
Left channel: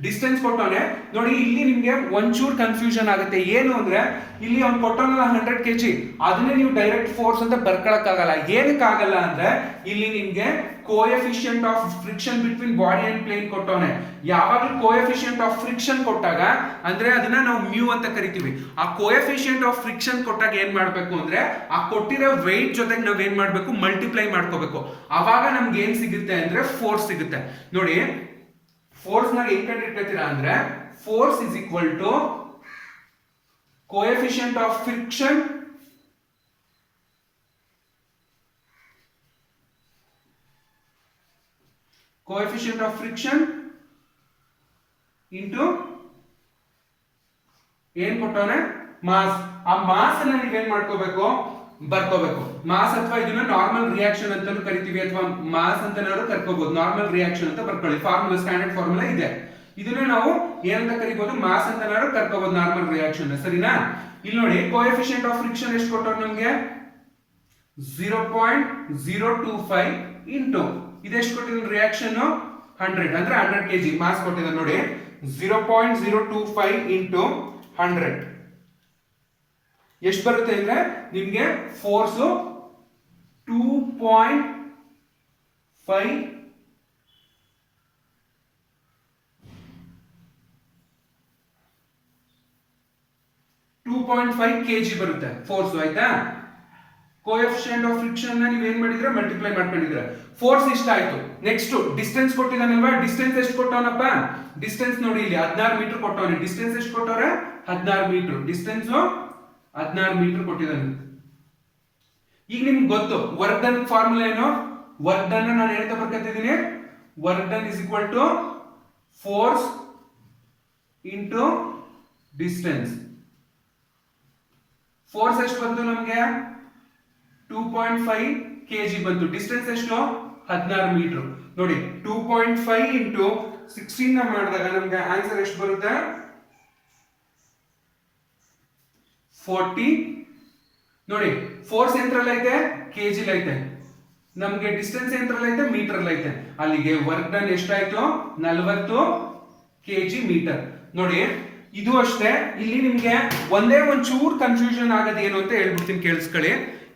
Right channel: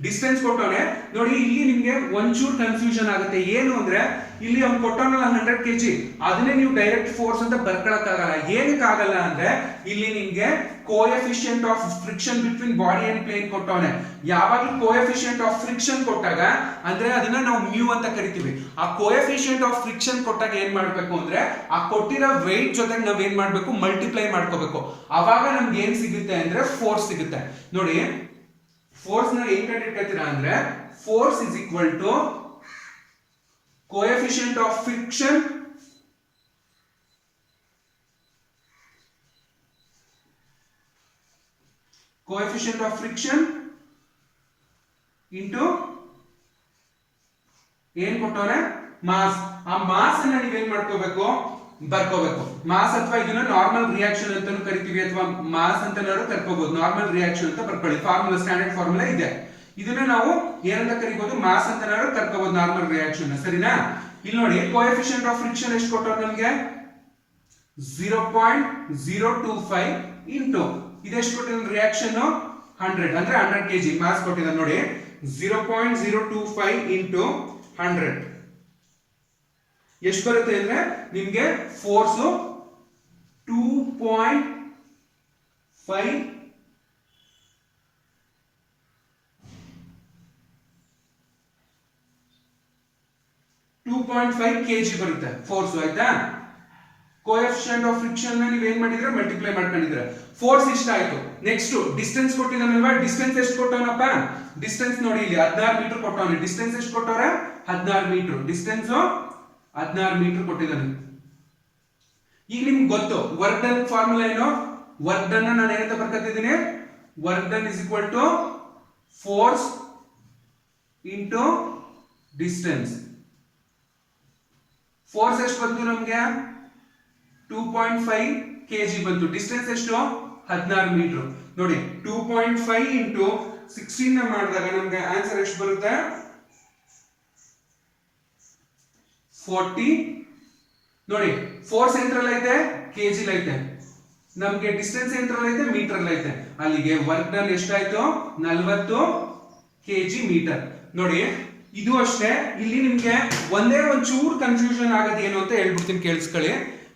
distance ಕೊಟ್ಟವನೆ. ನೋಡಿ ಇಲ್ಲಿ ನಿಮ್ಗೆ ಒಂಚೂರು ಕನ್ಫ್ಯೂಷನ್ ಆಗುತ್ತೆ, ಏನು ಅಂದ್ರೆ ಇಲ್ಲಿ ಅವ್ನು ಕೊಟ್ಟವನ 100 kg ಅದನ್ನೇ ನೀವು ಡೈರೆಕ್ಟ್ ಫೋರ್ಸ್ ಅಂತ ಬರ್ಕೊಳಕ್ಕಾಗಲ್ಲ. ಏನಕ್ಕಾಗಲ್ಲ ಅಂದ್ರೆ ಇಲ್ಲಿ ನಿಮ್ಗೆ coefficient of friction between body and plane ಕೊಟ್ಟವನೆ. ಯಾವಾಗಲೂ ಕೋಎಫಿಷಿಯಂಟ್ ಆಫ್ ಫ್ರಿಕ್ಷನ್ ಕೊಟ್ಟಾಗ ಅಂದ್ರೆ ಅದನ್ನ ನಾವು ಮ್ಯೂ ಅಂತ ಕರಿತೀವಿ. ಆ ಕೋಎಫಿಷಿಯಂಟ್ ಆಫ್ ಫ್ರಿಕ್ಷನ್ ಕೊಟ್ಟಾಗ ಏನ್ ಮಾಡ್ಬೇಕು ಅಂದ್ರೆ ಆ ಕೊಟ್ಟಿರೋ ವೆಯ್ಟ್ ಜೊತೆಗೆ ನಾವ್ ಏನ್ ಮಾಡ್ಬೇಕು, ಮಲ್ಟಿಪ್ಲೈ ಮಾಡ್ಕೋಬೇಕು. ಅವಾಗ ನಮ್ಗೆ ಏನ್ ಸಿಗುತ್ತೆ ಅಂದ್ರೆ ಫೋರ್ಸ್ ಸಿಗುತ್ತೆ. ನೋಡಿ ಫೋರ್ಸ್ ನ ಏನ್ ಕಂಡಿಡ್ಕೊತೀರಾ ಅಂದ್ರೆ force is equal to coefficient of friction into ಏನ್ ಕೊಟ್ಟವನೆ ಮಾಸ್. ಆ ಮಾಸ್ ಅನ್ನ ನೀವೇನ್ ಮಾಡ್ಕೋಬೇಕು, ಬರ್ಕೋಬೇಕು. ಮಾಸ್ ಅಥವಾ ಇದನ್ನ ನಾರ್ಮಲ್ ರಿಯಾಕ್ಷನ್ ಅಂತಾನು ಕರಿತೀವಿ, ಅಥವಾ ಮಾಸ್ ಅಂತ ಕರ್ಕೋಬಹುದು. ನಾರ್ಮಲ್ ರಿಯಾಕ್ಷನ್ ಅಂತ ಬರ್ಕೊಳ್ಳಿ, ಫಾರ್ಮುಲಾ ಸ್ಟ್ಯಾಂಡರ್ಡ್ ಫಾರ್ಮುಲಾ ಇದೆ. ಇದನ್ನ ನಾವು ಏನಂತ ಕರಿಬಹುದು, ಮಾಸ್ ಅಂತ ಕರ್ಕೋಬಹುದು ನಾರ್ಮಲ್ ರಿಯಾಕ್ಷನ್, ಸರಿನಾ? ಇಲ್ಲಿ ನೋಡಿ ಕೋಎಫಿಷಿಯಂಟ್ ಆಫ್ ಫ್ರಿಕ್ಷನ್ ಎಷ್ಟು ಕೊಟ್ಟರು ನಮ್ಗೆ 0.025 ಇಂಟು ಇದೆಷ್ಟು ಕೊಟ್ಟಿದ್ದಾನೆ ರಿಯಾಕ್ಷನ್ 100 ಅಂದ್ರೆ 100 kg ಮಾಸ್ ಕೊಟ್ಟಿದ್ದಾನೆ. ನೋಡಿ 0.025 ಇಂಟು 100 ಎಷ್ಟು ಬರುತ್ತೆ ಅಂದ್ರೆ ನಿಮ್ಗೆ ಫೋರ್ಸ್ 2.5 kg ಬರುತ್ತೆ ಫೋರ್ಸ್, ಆಯ್ತಾ? ಕೋಎಫಿಷಿಯಂಟ್ ಆಫ್ ಫ್ರಿಕ್ಷನ್ ನೀವು ಏನ್ ಮಾಡಿದ್ರೆ ಮಲ್ಟಿಪ್ಲೈ ಮಾಡ್ಕೊಂಡಿದ್ರೆ ಫೋರ್ಸ್ ಇಷ್ಟ ಆಯ್ತು. ನೆಕ್ಸ್ಟ್ ಡಿಸ್ಟೆನ್ಸ್ ಕೊಟ್ಟಿದ್ದಾನಲ್ವಾ, ಡಿಸ್ಟೆನ್ಸ್ ಎಷ್ಟು ಕೊಟ್ಟವನಪ್ಪ, ಡಿಸ್ಟೆನ್ಸ್ ನೋಡಿ ಇಲ್ಲಿ 16 ಮೀಟರ್ ಕೊಟ್ಟವನೆ. ಡಿಸ್ಟೆನ್ಸ್ ಎಷ್ಟು ಕೊಟ್ಟವ್ರೆ 16 ಮೀಟರ್, ಡಿಸ್ಟೆನ್ಸ್ 16 ಮೀಟರ್ ಕೊಟ್ಟಿದ್ದಾನೆ. ಈಗ ನಿಮ್ಗೆ ಗೊತ್ತು ವರ್ಕ್ ಡನ್ ಫಾರ್ಮುಲಾ ಏನು, ವರ್ಕ್ ಡನ್ ನಾನು ಏನಂತ ಬರ್ಕತ್ತಿದ್ದೀನಿ, work done is equal to force into distance. Force ಎಷ್ಟು ಬಂತು ನಮ್ಗೆ 2.5 kg ಬಂತು, ಡಿಸ್ಟೆನ್ಸ್ ಎಷ್ಟು 16 ಮೀಟರ್. ನೋಡಿ 2.5 ಇಂಟು 16 ನ ಮಾಡಿದಾಗ ನಮ್ಗೆ ಆನ್ಸರ್ ಎಷ್ಟು ಬರುತ್ತೆ 40. ನೋಡಿ ಫೋರ್ಸ್ ಎಂಟ್ರಲ್ಲಿ ಐತೆ, ಕೆಜಿ ಐತೆ, ನಮ್ಗೆ ಡಿಸ್ಟೆನ್ಸ್ ಎಂಟ್ರಲ್ಲಿ ಐತೆ, ಮೀಟರ್ ಐತೆ. ಅಲ್ಲಿಗೆ ವರ್ಕ್ ಡನ್ ಎಷ್ಟಾಯ್ತು 40 kg ಮೀಟರ್. ನೋಡಿ ಇದು ಅಷ್ಟೇ, ಇಲ್ಲಿ ನಿಮ್ಗೆ ಒಂದೇ ಒಂಚೂರು ಕನ್ಫ್ಯೂಷನ್ ಆಗೋದು ಏನು ಅಂತ ಹೇಳ್ಬಿಡ್ತೀನಿ, ಕೇಳಿಸ್ಕೊಳ್ಳಿ.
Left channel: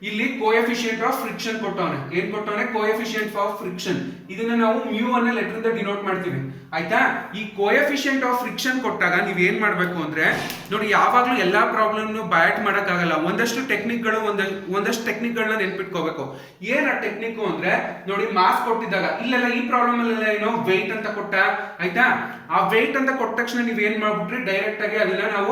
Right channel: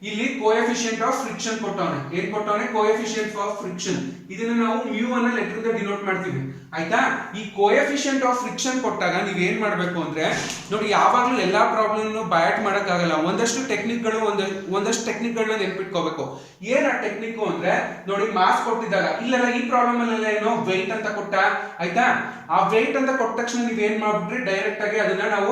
ಇಲ್ಲಿ ಕೋಎಫಿಷಿಯಂಟ್ ಆಫ್ ಫ್ರಿಕ್ಷನ್ ಕೊಟ್ಟವನೆ, ಏನ್ ಕೊಟ್ಟವನೆ ಕೋಎಫಿಷಿಯಂಟ್ ಆಫ್ ಫ್ರಿಕ್ಷನ್. ಇದನ್ನ ನಾವು ಮ್ಯೂ ಅನ್ನ ಲೆಟರ್ ಡಿನೋಟ್ ಮಾಡ್ತೀವಿ, ಆಯ್ತಾ? ಈ ಕೋಎಫಿಷಿಯಂಟ್ ಆಫ್ ಫ್ರಿಕ್ಷನ್ ಕೊಟ್ಟಾಗ ನೀವ್ ಏನ್ ಮಾಡ್ಬೇಕು ಅಂದ್ರೆ ನೋಡಿ, ಯಾವಾಗ್ಲೂ ಎಲ್ಲಾ ಪ್ರಾಬ್ಲಮ್ ಬ್ಯಾಟ್ ಮಾಡಕ್ ಆಗಲ್ಲ. ಒಂದಷ್ಟು ಟೆಕ್ನಿಕ್ಗಳು ಒಂದಷ್ಟು ಟೆಕ್ನಿಕ್ಗಳನ್ನ ನೆನ್ಪಿಟ್ಕೋಬೇಕು. ಏನ್ ಆ ಟೆಕ್ನಿಕ್ ಅಂದ್ರೆ ನೋಡಿ, ಮಾಸ್ ಕೊಟ್ಟಿದ್ದಾಗ ಇಲ್ಲೆಲ್ಲ ಈ ಪ್ರಾಬ್ಲಮ್ ಅಲ್ಲೆಲ್ಲ ಏನೋ ವೆಯ್ಟ್ ಅಂತ ಕೊಟ್ಟ, ಆಯ್ತಾ? ಆ ವೆಯ್ಟ್ ಅಂತ ಕೊಟ್ಟ ತಕ್ಷಣ ನೀವ್ ಏನ್ ಮಾಡ್ಬಿಟ್ರಿ, ಡೈರೆಕ್ಟ್ ಆಗಿ ಅದನ್ನ ನಾವು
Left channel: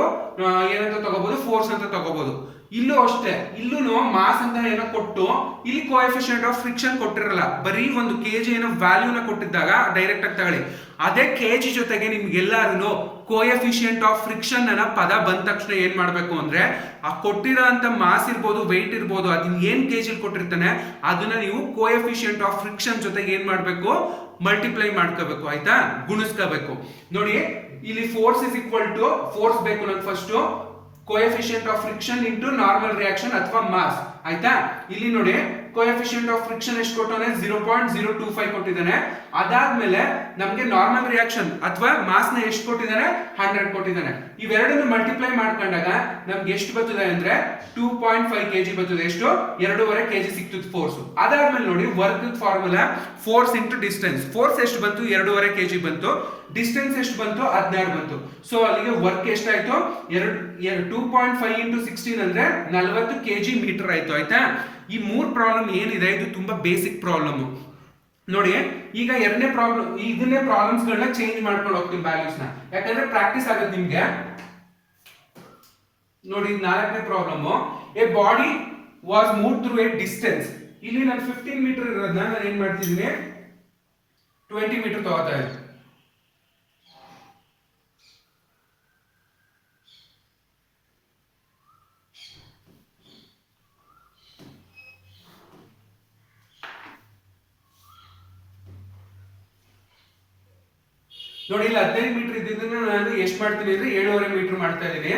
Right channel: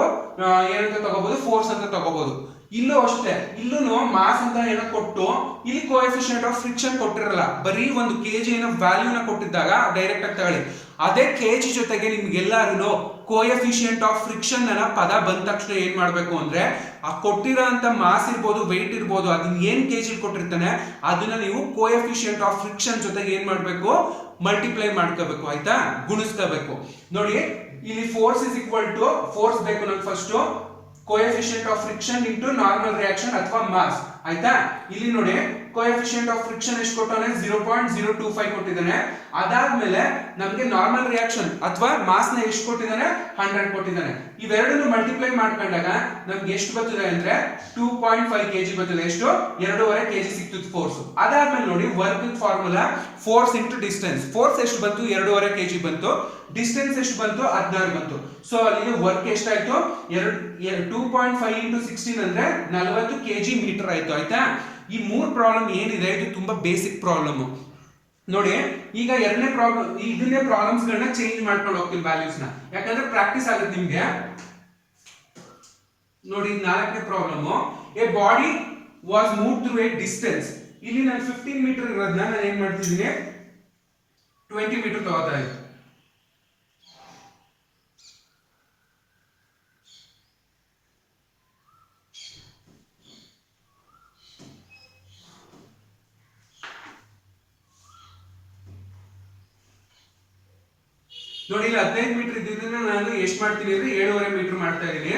ಏನಂತ ತಗೋಬಹುದು, ಫೋರ್ಸ್ ಅಂತ ತಗೋಬಹುದು. ಇಲ್ಲೂ ಅಷ್ಟೇ, ಇಲ್ಲೂ ಮಾಸ್ ಅಂತ ಏನೋ ಕೊಟ್ಟು ಇಲ್ಲಿ ಕೋಎಫಿಷಿಯಂಟ್ ಆಫ್ ಫ್ರಿಕ್ಷನ್ ಕೊಟ್ಟಿರಲ್ಲ, ಬರೀ ಒಂದು ಕೆಜಿ ಏನೋ ವ್ಯಾಲ್ಯೂನ ಕೊಟ್ಟಿದ್ದಾಗ ಡೈರೆಕ್ಟ್ ಆಗಿ ತಗೊಳ್ಳಿ. ಅದೇ ಕೆಜಿ ಜೊತೆಗೆ ನಿಮ್ಗೆಲ್ಲಾರು ಕೋಎಫಿಷಿಯಂಟ್ ಆಫ್ ಫ್ರಿಕ್ಷನ್ ಅನ್ನೋ ಪದ ಬಂದ ತಕ್ಷಣ ಏನ್ ಮಾಡ್ಬೇಕು ಅಂದ್ರೆ ಆ ಕೊಟ್ಟಿರೋ ಅಂತ ಮಾಸ್ ಇರ್ಬೋದು, ವೆಯ್ಟ್ ಇರ್ಬೋದು, ಅದನ್ನ ಏನ್ ಕೆಜಿ ಕೊಟ್ಟಿರ್ತಾನೆ ಅದನ್ನ ನೀವು ಕೋಎಫಿಷಿಯಂಟ್ ಆಫ್ ಫ್ರಿಕ್ಷನ್ ಜೊತೆಗೆ ಏನ್ ಮಾಡ್ಬೇಕು, ಮಲ್ಟಿಪ್ಲೈ ಮಾಡ್ಕೋಬೇಕು, ಆಯ್ತಾ? ಗುಣಿಸ್ಕೋಬೇಕು. ನೋಡಿ ಇಲ್ಲಿ force is equal to force ಬೇಕು ನಮ್ಗೆ first, coefficient of friction into normal reaction ಅಥವಾ ಮಾಸ್, ಆಯ್ತಾ? ಇಲ್ಲಿ ನೋಡಿ ಕೋಎಫಿಷಿಯಂಟ್ ಆಫ್ ಫ್ರಿಕ್ಷನ್ ಎಷ್ಟು ಕೊಟ್ಟಾನೆ 0.025 ಕೊಟ್ಟಿದ್ದಾನೆ. ಅದಾದ್ಮೇಲೆ ನಮ್ಗೆ ನಾರ್ಮಲ್ ರಿಯಾಕ್ಷನ್ ಅಥವಾ ಮಾಸ್ ನ ಎಷ್ಟು ಕೊಟ್ಟಿದ್ದಾನೆ 100 ಕೊಟ್ಟಿದ್ದಾನೆ. ಇವೆರಡನ್ನು ಮಲ್ಟಿಪ್ಲೈ ಮಾಡ್ಕೊಂಡಾಗ ನಮ್ಗೆ ಎಷ್ಟು ಬರ್ತದೆ ಅಂದ್ರೆ 2.5 kg ಬರ್ತದೆ. ಎಷ್ಟು 2.5 kg ಸಿಕ್ತದೆ ಫೋರ್ಸ್. ಅದಾದ್ಮೇಲೆ ನೋಡಿ work formula force into distance. Force ಎಷ್ಟು ಬಂತು 2.5 kg ಬಂತು, ಡಿಸ್ಟೆನ್ಸ್ ಎಷ್ಟು ಬಂತು 16 ಬಂತು. ಸೊ ಅಲ್ಲಿಗೆ ವರ್ಕ್ ಎಷ್ಟಾಯ್ತು 2.5 ಇಂಟು 16 ಅಂದ್ರೆ 40 kg ಮೀಟರ್ ಆಯ್ತು, ಆಯ್ತಾ? ಈ 3 ಪ್ರಾಬ್ಲಮ್ ಏನಿದೆ ಇದು ತುಂಬಾ ಬೇಸಿಕ್ ಪ್ರಾಬ್ಲಮ್. ನೋಡಿ ಈಗ ಎರಡನೇ ಪ್ರಾಬ್ಲಮ್, ಇದನ್ನೇ ಪ್ರಾಬ್ಲಮ್ಸ್ ಗಳನ್ನ ಚೇಂಜ್ ಮಾಡ್ಕೊಂಡು ಹೋಗ್ತೀನಿ ವ್ಯಾಲ್ಯೂಸ್ ನ, ಯಾಕಂದ್ರೆ ಪ್ರಾಕ್ಟೀಸ್ ಆಗುತ್ತೆ ನಿಮ್ಗೆ. ನೋಡಿ 4ನೇ problem, A body was move through a distance. ಇಲ್ಲಿ ನಾನು 15 ಮೀಟರ್ ಇರೋದನ್ನ ನಾನು ಏನ್ ಮಾಡ್ತಿದ್ದೀನಿ 20 ಮೀಟರ್ ತಗೋತಾ ಇದ್ದೀನಿ. ನೋಡಿ ಇಲ್ಲಿ 15 ಮೀಟರ್ ಇದ್ದಿದ್ದನ್ನ ನಾನು ಎಷ್ಟು ಮಾಡ್ತೀನಿ ಅಂದ್ರೆ 7.5 ಮೀಟರ್ ಮಾಡ್ತಾ ಇದೀನಿ.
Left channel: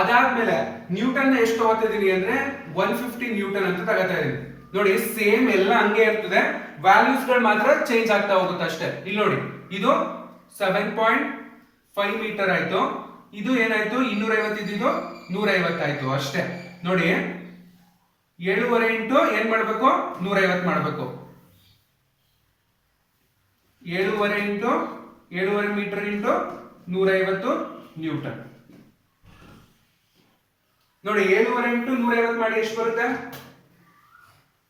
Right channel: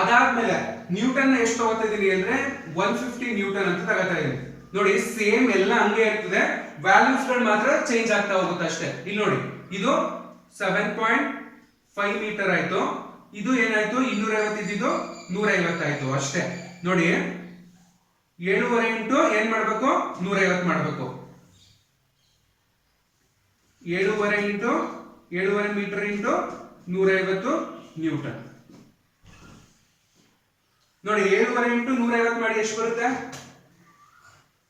ಅದಾದ್ಮೇಲೆ ನ್ಯೂಟನ್ ಎಷ್ಟು ತಗೋತಾ ಇದೀನಿ ಅಂದ್ರೆ 150 ನ್ಯೂಟನ್ ಅಂತ ತಗೋತಾ ಇದೀನಿ. ನೋಡಿ ಸೇಮ್ ಎಲ್ಲ ಹಂಗೆ ಇರ್ತದೆ, ವ್ಯಾಲ್ಯೂಸ್ ಗಳು ಮಾತ್ರ ಚೇಂಜ್ ಆಗ್ತಾ ಹೋಗುತ್ತೆ ಅಷ್ಟೇ. ಇಲ್ಲಿ ನೋಡಿ ಇದು 7.5 ಮೀಟರ್ ಆಯ್ತು, ಇದು ಏನಾಯ್ತು 250 ಇದ್ದಿದ್ದು 150 ಆಯ್ತು ಅಷ್ಟೇ. ನೋಡಿ 7.5 ಇಂಟು ಏನ್ ಮಾಡ್ಬೇಕು 150 ಮಾಡ್ಬೇಕು. 7.5 ಇಂಟು 7.5 ಮೀಟರ್ ಇಂಟು 150 ನ್ಯೂಟನ್. ನೋಡಿ 7.5 ಇಂಟು 150 ಮಾಡಿ ಎಷ್ಟು ಬರುತ್ತೆ?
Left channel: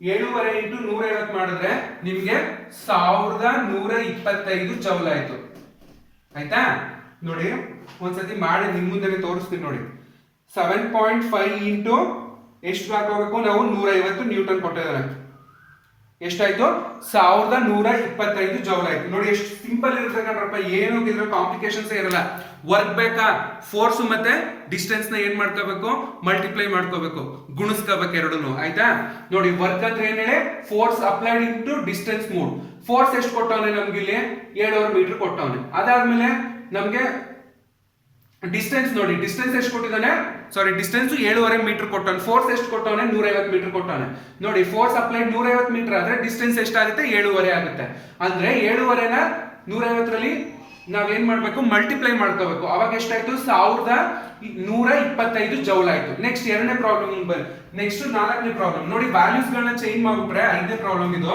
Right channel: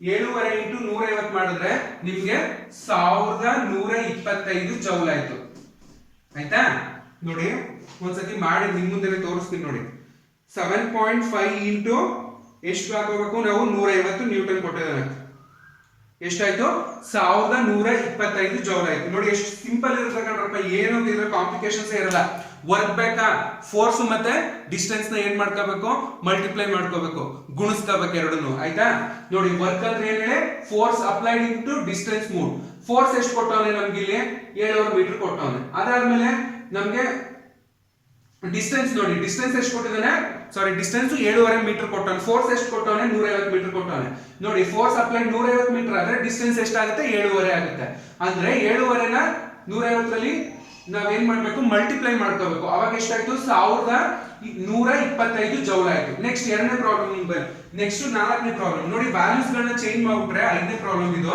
7.5 ಇಂಟು 150 ಮಾಡಿದ್ರೆ ನಿಮ್ಗೆ 1125 ಜೌಲ್ ಆಯ್ತು. ಆಯ್ತಾ? ನೋಡಿ ಒಂದ್ಸತಿ ಮಾಡಿ ನಿಮ್ ಮುಂದೆ ತೋರಿಸ್ತೀನಿ ನೋಡಿ. 7.5 ಇಂಟು ಎಷ್ಟು ಹಾಕೋಬೇಕು ನಾವು 150 ನ್ಯೂಟನ್ ಕೊಟ್ಟಿದ್ದಾನೆ. ಎಷ್ಟಾಯ್ತು? 1125 ಜೌಲ್ ಆಯ್ತು. ನೋಡಿ ಎಷ್ಟು ಸಿಂಪಲ್ ಇರುತ್ತೆ ಕಣ್ರಪ್ಪ, ಏನು ಇದ್ರ ಕಾಂಪ್ಲಿಕೇಶನ್ಸ್ ಇರಲ್ಲ. ವರ್ಕ್ ಬೇಕಾ? ಫೋರ್ಸ್ ಮತ್ತೆ ಡಿಸ್ಟೆನ್ಸ್ ನ ಏನ್ ಮಾಡ್ಕೋಬೇಕು? ಮಲ್ಟಿಪ್ಲೈ ಮಾಡ್ಕೋಬೇಕು, ಗುಣಿಸ್ಕೋಬೇಕು ಎರಡನ್ನು. ಆಯ್ತಾ? ನೋಡಿ ವರ್ಕ್ ಅಂದ್ರೆ ಏನ್ ಹೇಳಿ? Force applied into distance mood. Force ಎಷ್ಟು ಕೊಟ್ಟವನೆ ನಮ್ಗೆ ಇಲ್ಲಿ? 7.5 ಮೀಟರ್ ಕೊಟ್ಟವನೆ. ಅದಾದ್ಮೇಲೆ ನಮ್ಗೆ ಡಿಸ್ಟೆನ್ಸ್ ನೋಡಿ, ಡಿಸ್ಟೆನ್ಸ್ ಎಷ್ಟು ಕೊಟ್ಟಿದ್ದಾನೆ? ಸಾರಿ, ಡಿಸ್ಟೆನ್ಸ್ 7.5 ಮೀಟರ್ ಕೊಟ್ಟವನೆ. ಫೋರ್ಸ್ ಎಷ್ಟು ಕೊಟ್ಟವನೆ? 150 ಮೀಟರ್ ಕೊಟ್ಟವನೆ. ನೋಡಿ ಫೋರ್ಸ್ ಅಪ್ಲೈಡ್ 150 ಮೀಟರ್ ಆದ್ರೆ ಡಿಸ್ಟೆನ್ಸ್ ಎಷ್ಟಾಗುತ್ತೆ? 7.5 ಆಗುತ್ತೆ. ಅಂದ್ರೆ 7.5ನ 150ರಲ್ಲಿ ನಾವೇನ್ ಮಾಡ್ಬೇಕು? ಮಲ್ಟಿಪ್ಲೈ ಮಾಡ್ಕೋಬೇಕು. ಅವಾಗ ಎಷ್ಟಾಯ್ತು? 1125 ಜೌಲ್ ಆಯ್ತು. ನೆಕ್ಸ್ಟ್ ಎರಡನೇ ಪ್ರಾಬ್ಲಮ್ ಬನ್ನಿ. ನೆಕ್ಸ್ಟ್ 4ನೇ ಪ್ರಾಬ್ಲಮ್ ನೋಡಿ, ವ್ಯಾಲ್ಯೂಸ್ ಗಳನ್ನ ಚೇಂಜ್ ಮಾಡ್ಬಿಟ್ರೆ 5ನೇ ಪ್ರಾಬ್ಲಮ್ ಇದು.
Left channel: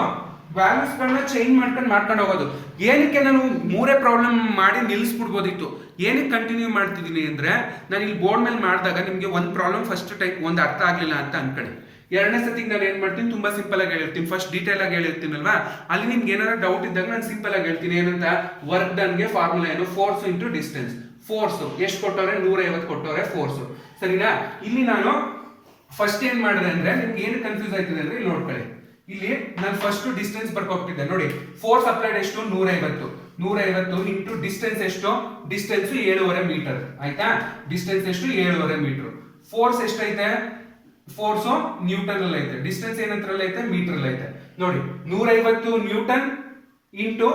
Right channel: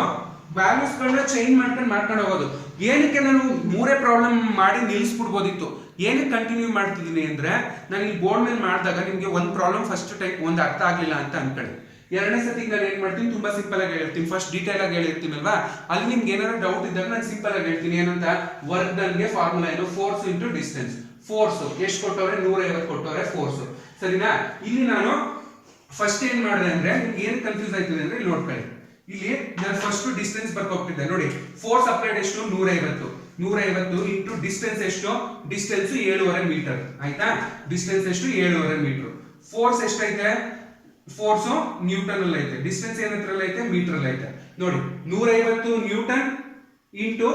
ವ್ಯಾಲ್ಯೂಸ್ ಗಳನ್ನ ಚೇಂಜ್ ಮಾಡ್ಕೊಂಡು ಹೋಗೋದು. ಏನಕ್ಕೆ ನಾನು 3 ಪ್ರಾಬ್ಲಮ್ ಮಾಡಿ ನಿಲ್ಲಿಸ್ಬಿಡ್ಬೋದಿತ್ತು, ಏನಕ್ಕೆ ಕಂಟಿನ್ಯೂ ಮಾಡ್ತಿದ್ದೀನಿ ಅಂದ್ರೆ, ನಾನು ಇಲ್ಲಿ ಬೋರ್ಡ್ ಮೇಲೆ ಮಾಡಿದಾಗ ನಿಮಗೆ ಒಂದು ಪ್ರಾಬ್ಲಮ್ ಫಸ್ಟ್ ಟೈಮ್ ಒಂದು ಅರ್ಥ ಆಗ್ಲಿಲ್ಲ ಅಂತ ಅನ್ಕೊಳ್ಳಿ. ಎರಡನೇ ಸತಿಗೆ ನಾನು ಏನ್ ಮಾಡ್ತೀನಿ, ತುಂಬಾ ಸಿಂಪಲ್ ಆಗಿ ಹೇಳಿರ್ತೀನಿ. ಫಸ್ಟ್ ಡೀಟೇಲ್ ಆಗಿ ಹೇಳಿರ್ತೀನಲ್ವಾ, ಅಲ್ಲಿ ನಿಮ್ಗೆ ಏನಾದ್ರು ಡೌಟ್ ಇದ್ದಾಗ ನಾನು ಸಿಂಪಲ್ ಆಗಿ ಹೇಳ್ತೀನಿ. ಏನಂತ? ವರ್ಕ್ ಡನ್ಗೆ ಫಾರ್ಮುಲಾ ಏನು? Force into distance. ಫೋರ್ಸ್ ಎಷ್ಟು ಕೊಟ್ಟವ್ರೆ? 150 ಕೊಟ್ಟವ್ರೆ ಫೋರ್ಸ್. ಸರಿನಾ? ಇಲ್ಲಿ ನಾನು ಫಸ್ಟ್ ಏನ್ ಮಾಡಿದೆ ಅಂದ್ರೆ, ನಿಮ್ಗೆ ಏನು ಕನ್ಫ್ಯೂಸ್ ಆಯ್ತಿದೆ ಅಂದ್ರೆ ಇಲ್ಲಿ ನೋಡ್ಕೊಳ್ಳಿ. ಇಲ್ಲಿ ನಾನು ಫಸ್ಟ್ ಡಿಸ್ಟೆನ್ಸ್ ಬರ್ಕೊಟ್ಟಿದ್ದೆ. ನೋಡಿ ಫೋರ್ಸ್ ಅಪ್ಲೈಡ್ ಎಷ್ಟು? 150 ಇಂಟು ಡಿಸ್ಟೆನ್ಸ್ ಎಷ್ಟು? Distance 7.5 meter. ಆಯ್ತಾ? ಡಿಸ್ಟೆನ್ಸ್ ಎಷ್ಟು? 7.5 ಮೀಟರ್. ಫೋರ್ಸ್ ಎಷ್ಟೈತೆ? ಫೋರ್ಸ್ ನ್ಯೂಟನ್ ಅಲ್ಲಿ ಐತೆ. ಡಿಸ್ಟೆನ್ಸ್ ಏನಂತರಲ್ಲಿ ಐತೆ? ಮೀಟರ್ ಅಲ್ಲಿ ಐತೆ. ನೋಡಿ 150 ನ್ಯೂಟನ್ ಇಂಟು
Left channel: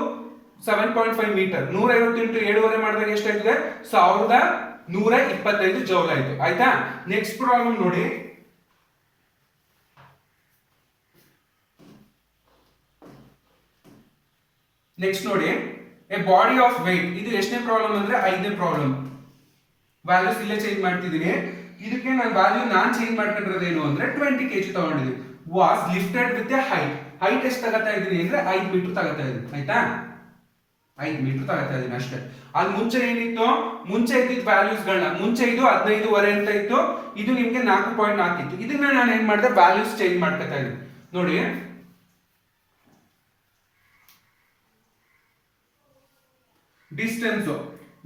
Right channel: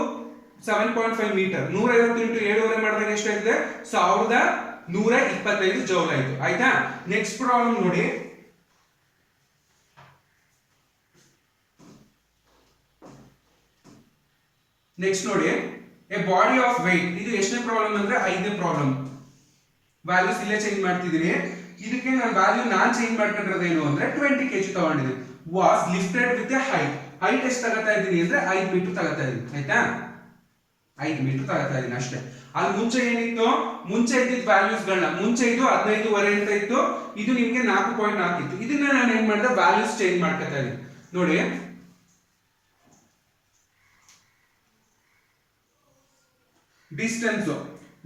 7.5 ಮೀಟರ್. 150 ಇಂಟು 7.5 ಮಾಡಿದಾಗ ಎಷ್ಟಾಗಿದೆ? 1125 ಜೌಲ್ ಆಯ್ತು. ಆಯ್ತಾ? ನೆಕ್ಸ್ಟ್ ಪ್ರಾಬ್ಲಮ್ ನೋಡಿ. ನೆಕ್ಸ್ಟ್ ನೋಡಿ, ಎ ಬಾಡಿ ಆಫ್ ವೇಟ್. ಇದು ಎಷ್ಟನೇ ಪ್ರಾಬ್ಲಮ್ ಅಂದ್ರೆ 5ನೇ ಪ್ರಾಬ್ಲಮ್. ವ್ಯಾಲ್ಯೂಸ್ ಇಲ್ಲೇ ಚೇಂಜ್ ಮಾಡ್ತಿದ್ದೀನಿ. ಇದಕ್ಕೆ ನಾನು ವ್ಯಾಲ್ಯೂ ಚೇಂಜ್ ಮಾಡ್ಕೊಂಡಿರೋದೇನು ಅಂದ್ರೆ 20 kg ತಗೊಂಡಿದ್ದೀನಿ. Was lifted with A height. Height ಎಷ್ಟು ತಗೋತಾ ಇದ್ದೀನಿ ಅಂದ್ರೆ 5 ಮೀಟರ್ ತಗೋತಾ ಇದ್ದೀನಿ. ಆಯ್ತಾ? 5 ಮೀಟರ್ ತಗೋತಾ ಇದ್ದೀನಿ ಅಷ್ಟೇ. ಅಲ್ಲಿ ಮುಂಚೆ ಏನಿತ್ತು? ಮುಂಚೆ ಇದ್ದಿದ್ದ ವ್ಯಾಲ್ಯೂಸ್ ಗಳನ್ನ, ಮುಂಚೆ ಇದು 15.5 ಅಂತ ಇತ್ತು, ಇದು ನಿಮ್ಗೆ 4.4 ಇತ್ತು. ಇದನ್ನ ನಾನು ಏನ್ ಮಾಡಿದೆ? ವ್ಯಾಲ್ಯೂಸ್ ಚೇಂಜ್ ಮಾಡ್ಕೊತಾ ಇದ್ದೀನಿ. ನೋಡಿ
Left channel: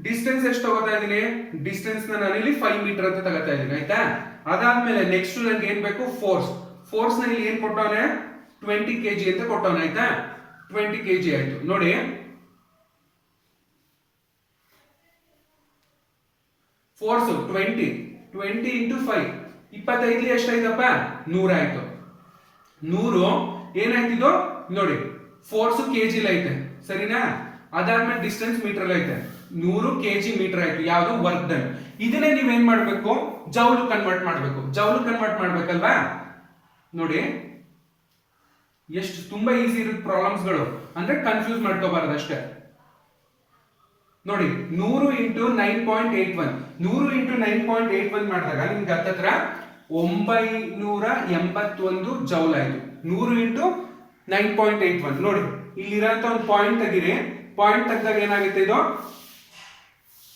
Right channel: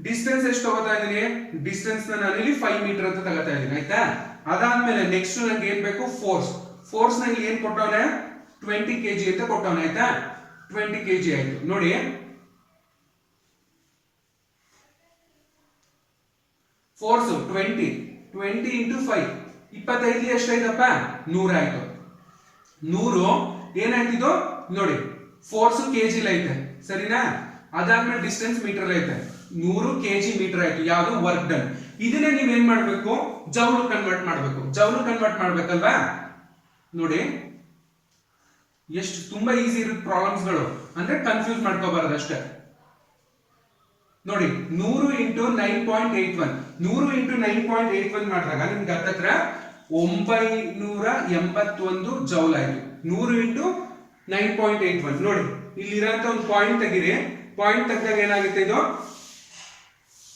ಡಿಸ್ಟೆನ್ಸ್ ಎಷ್ಟು ತಗೋತಾ ಇದೀನಿ? ಡಿಸ್ಟೆನ್ಸ್ ನಾನು ಇಲ್ಲಿ 5 ಮೀಟರ್ ಅಂತ ತಗೋತಾ ಇದೀನಿ. ಆಯ್ತಾ? ಅದಾದ್ಮೇಲೆ ನೆಕ್ಸ್ಟ್ ನನಗೆ ಏನ್ ಬೇಕು? ಫೋರ್ಸ್ ನ ಇಲ್ಲಿ ಏನ್ ಕೊಟ್ಟವನೆ? 20 kg ಅಂತ ಕೊಟ್ಟವನೆ. ಆಯ್ತಾ? 20 kg ಆಯ್ತು. ನೋಡಿ ಫೋರ್ಸ್ 20 ಇಂಟು 5 25 ಎಷ್ಟಾಯ್ತಪ್ಪ? 100 ಆಯ್ತು. 100 ಏನಾಯ್ತಿದು? ನೋಡಿ ಫೋರ್ಸ್ ಕೆಜಿ ಐತೆ. ಸರಿನಾ? ಅದಾದ್ಮೇಲೆ ಡಿಸ್ಟೆನ್ಸ್ ಮೀಟರ್ ಐತೆ. 100 kg ಮೀಟರ್ ಆಯ್ತು. ಯಾವುದು? Work done. ಇದನ್ನೇ ನೀವೇನ್ ಮಾಡ್ಬೇಕು? ಜೌಲ್ ಕನ್ವರ್ಟ್ ಮಾಡ್ಬೇಕು. ಜೌಲ್ ಕನ್ವರ್ಟ್ ಮಾಡ್ಬೇಕಲ್ವಾ? ನೋಡಿ ಎಷ್ಟು ತುಂಬಾ ಈಸಿ ಇರುತ್ತೆ ಪ್ರಾಬ್ಲಮ್ಸ್ ಗಳು, ಅಂದ್ರೆ ಕನ್ಫ್ಯೂಸ್ ಮಾಡ್ಕೋಬಾರದು ಅಷ್ಟೇ. ನೋಡಿ 100 ಇಂಟು 9.81 100 ಇಂಟು 9.81 ಮಾಡಿದಾಗ ನಿಮ್ಗೆ ಹತ್ತತ್ರ 981 ಜೌಲ್ ಆಯ್ತು. 100 ಇಂಟು 9.81. ನೋಡಿ ಇಲ್ಲಿರೋಂಥ ಒಂದು ಪಾಯಿಂಟ್ ತೆಗೀರಿ. ಪಾಯಿಂಟ್ ತೆಗೆದಾಗ ಏನಾಗುತ್ತೆ? ಇದು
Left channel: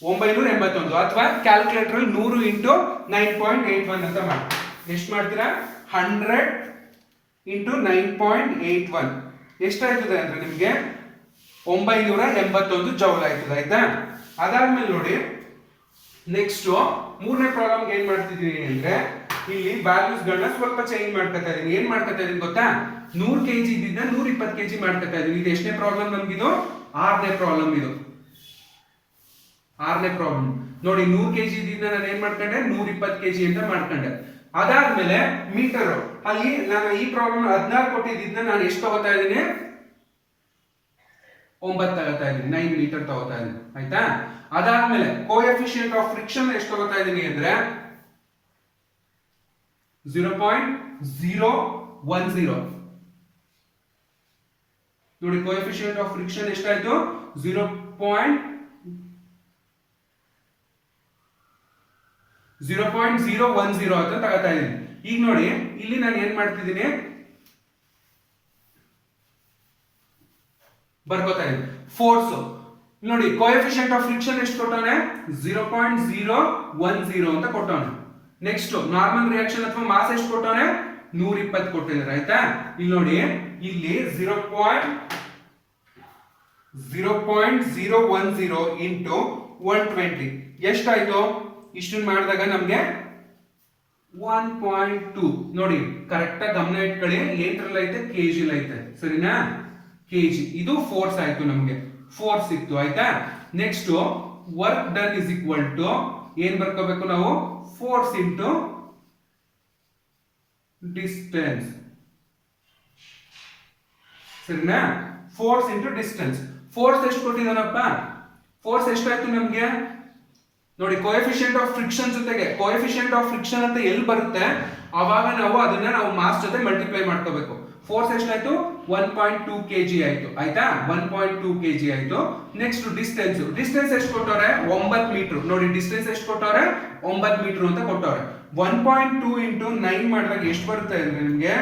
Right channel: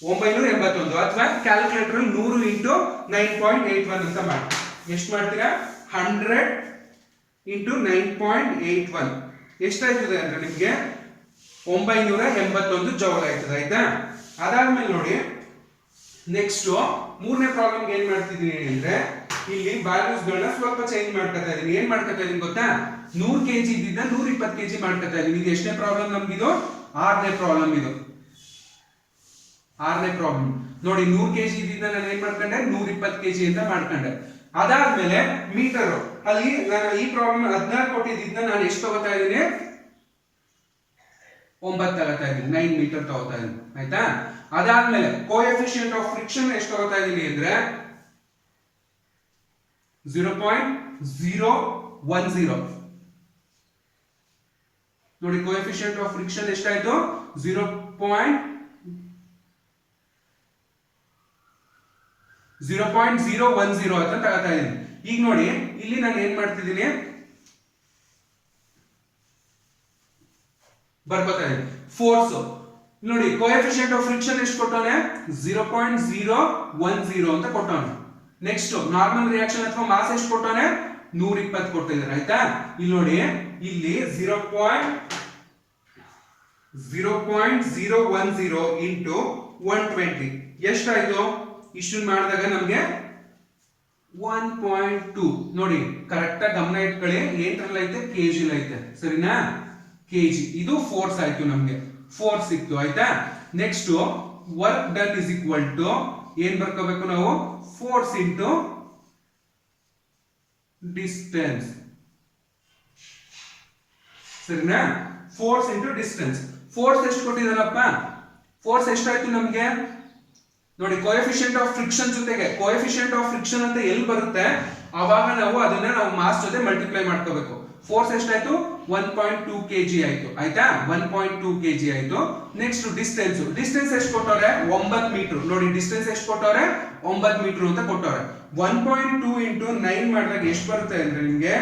981. ಅಥವಾ ಕ್ಯಾಲ್ಕುಲೇಟರ್ 100 ಇಂಟು 9.81 ಅಂತ ಮಾಡಿ ಎಷ್ಟು ಮಾಡ್ತೀರಾ? 100 ಇಂಟು 9.81 ಎಷ್ಟಾಯ್ತದೆ ಅಂದ್ರೆ ನಿಮ್ಗೆ 981 ಜೌಲ್ ಆಯ್ತದೆ. ಆಯ್ತಾ? ಅದಾದ್ಮೇಲೆ ನೋಡಿ ನೆಕ್ಸ್ಟ್ 3ನೇ ಪ್ರಾಬ್ಲಮ್ ಏನ್ ಮಾಡ್ತಿದೀನಿ ಅಂದ್ರೆ, ಇಲ್ಲಿ ವ್ಯಾಲ್ಯೂಸ್ ಗಳನ್ನ ಸ್ವಲ್ಪ ಚೇಂಜ್ ಮಾಡ್ಕೊತಾ ಇದೀನಿ. ಏನ್ ಮಾಡ್ಕೊತಾ ಇದೀನಿ ಗೊತ್ತಾ? 100 kg ಇದ್ದಿದ್ದ 120 kg ಮಾಡ್ಕೊತಾ ಇದೀನಿ. ಇದು ಎಷ್ಟನೇ ಪ್ರಾಬ್ಲಮ್ ನಮ್ಗಿದು? 6ನೇ ಪ್ರಾಬ್ಲಮ್ ಇದು. 6ನೇ ಪ್ರಾಬ್ಲಮ್ ನೋಡಿ. 100 kg ಇದ್ದಿದ್ದ ನಾನು ಏನ್ ಮಾಡ್ಕೊಂಡೆ? 120 kg ಅಂತ ಮಾಡ್ಕೊಂಡೆ. ಅದಾದ್ಮೇಲೆ ಮೀಟರ್ ಅಲ್ಲಿ ನಾನು ಈ ಪ್ರಾಬ್ಲಮ್ 16 ಕೊಟ್ಟಿದ್ದ ನಾನು ಎಷ್ಟು ತಗೋತಾ ಇದೀನಿ? 9 ತಗೋತಾ ಇದೀನಿ, 9 ಮೀಟರ್ ತಗೋತಾ ಇದೀನಿ ಆಯ್ತಾ. ಅದಾದ್ಮೇಲೆ ಕೋಎಫಿಷಿಯಂಟ್ ಆಫ್ ಫ್ರಿಕ್ಷನ್ ಎಷ್ಟು ತಗೋತಾ ಇದೀನಿ ಅಂದ್ರೆ 0.010. ನೋಡಿ ಕೋಎಫಿಷಿಯಂಟ್ ಆಫ್ ಫ್ರಿಕ್ಷನ್ ಎಷ್ಟಾಯ್ತು 0.010 ಅಂತ ತಗೋತಾ ಇದೀನಿ. ಈಗ ನೋಡಿ ಇಲ್ಲಿ ನಾನು ಏನ್ ಮಾಡ್ತಿದ್ದೀನಿ ಬರ್ಕೋತಾ ಇದೀನಿ ಫೋರ್ಸ್. ನೋಡಿ ಕೋಎಫಿಷಿಯಂಟ್ ಆಫ್ ಫ್ರಿಕ್ಷನ್ ಎಷ್ಟು ಕೊಟ್ಟವನೆ 0.010 ಅಂತ ಕೊಟ್ಟವನೆ. ನೆಕ್ಸ್ಟ್ ನಾರ್ಮಲ್ ರಿಯಾಕ್ಷನ್ ಅಥವಾ ಮಾಸ್ ಎಷ್ಟು ಕೊಟ್ಟವನೆ 120 ಕೊಟ್ಟಿದ್ದಾರೆ ಆಯ್ತಾ. ಇಲ್ಲಿ ನೋಡಿ ಇಲ್ಲಿ 0.010 ಇಂಟು 120 ಎಷ್ಟಾಯ್ತು, ಇಷ್ಟನ್ನು ಮಾಡಿದಾಗ ನಮ್ಗೆ 1.2. ನೋಡಿ ಕರೆಕ್ಟ್ ಆಗಿ ಗಮನ ಇಟ್ಕೊಳ್ಳಿ, ಲೀಟರ್ ಐತೆ ಕೆಜಿ ಐತೆ ಸರಿನಾ, ಕೆಜಿ. ಇದು ಫೋರ್ಸ್ ಆಯ್ತು, ನಮ್ಗೆ ಫೋರ್ಸ್ ಸಿಕ್ತು ಆಯ್ತಾ. Next work done is equal to ಏನ್ ಬರ್ಕೋಬೇಕು ನಾವು ಫೋರ್ಸ್ ಇಂಟು ಡಿಸ್ಟೆನ್ಸ್ ಸರಿನಾ, ಫೋರ್ಸ್ ಇಂಟು ಡಿಸ್ಟೆನ್ಸ್. ಫೋರ್ಸ್ ಎಷ್ಟು ಕೊಟ್ಟಿದ್ದಾನಪ್ಪ, ಫೋರ್ಸ್ ಎಷ್ಟಾಯ್ತು ನಮ್ಗೆ ನೋಡಿ ಕೋಎಫಿಷಿಯಂಟ್ ಆಫ್ ಫ್ರಿಕ್ಷನ್ ಜೊತೆಗೆ ಕೋಎಫಿಷಿಯಂಟ್ ಆಫ್ ಫ್ರಿಕ್ಷನ್ ಅಂತ ಎಲ್ಲಿ ಬರುತ್ತೆ ಅವಾಗ ನಾವು ಅದನ್ನ ಮಾಸ್ ಜೊತೆ ಮಲ್ಟಿಪ್ಲೈ ಮಾಡ್ಕೋಬೇಕು. ಫೋರ್ಸ್ ಎಷ್ಟಾಯ್ತು 1.2 kg ಆಯ್ತು ಆಯ್ತಾ, 1.2 kg ಆಯ್ತು. ನೆಕ್ಸ್ಟ್ ಡಿಸ್ಟೆನ್ಸ್ ಎಷ್ಟು ಕೊಟ್ಟವ್ರೆ 9 ಮೀಟರ್. ನೋಡಿ ಡಿಸ್ಟೆನ್ಸ್ ಎಷ್ಟು ಕೊಟ್ಟವ್ರೆ 9 ಮೀಟರ್ ಅಂತ ಕೊಟ್ಟವ್ರೆ. 1.2 ಇಂಟು 9 ಮಾಡಿದಾಗ ಎಷ್ಟು ಬರುತ್ತೆ ಅಂದ್ರೆ ನಿಮ್ಗೆ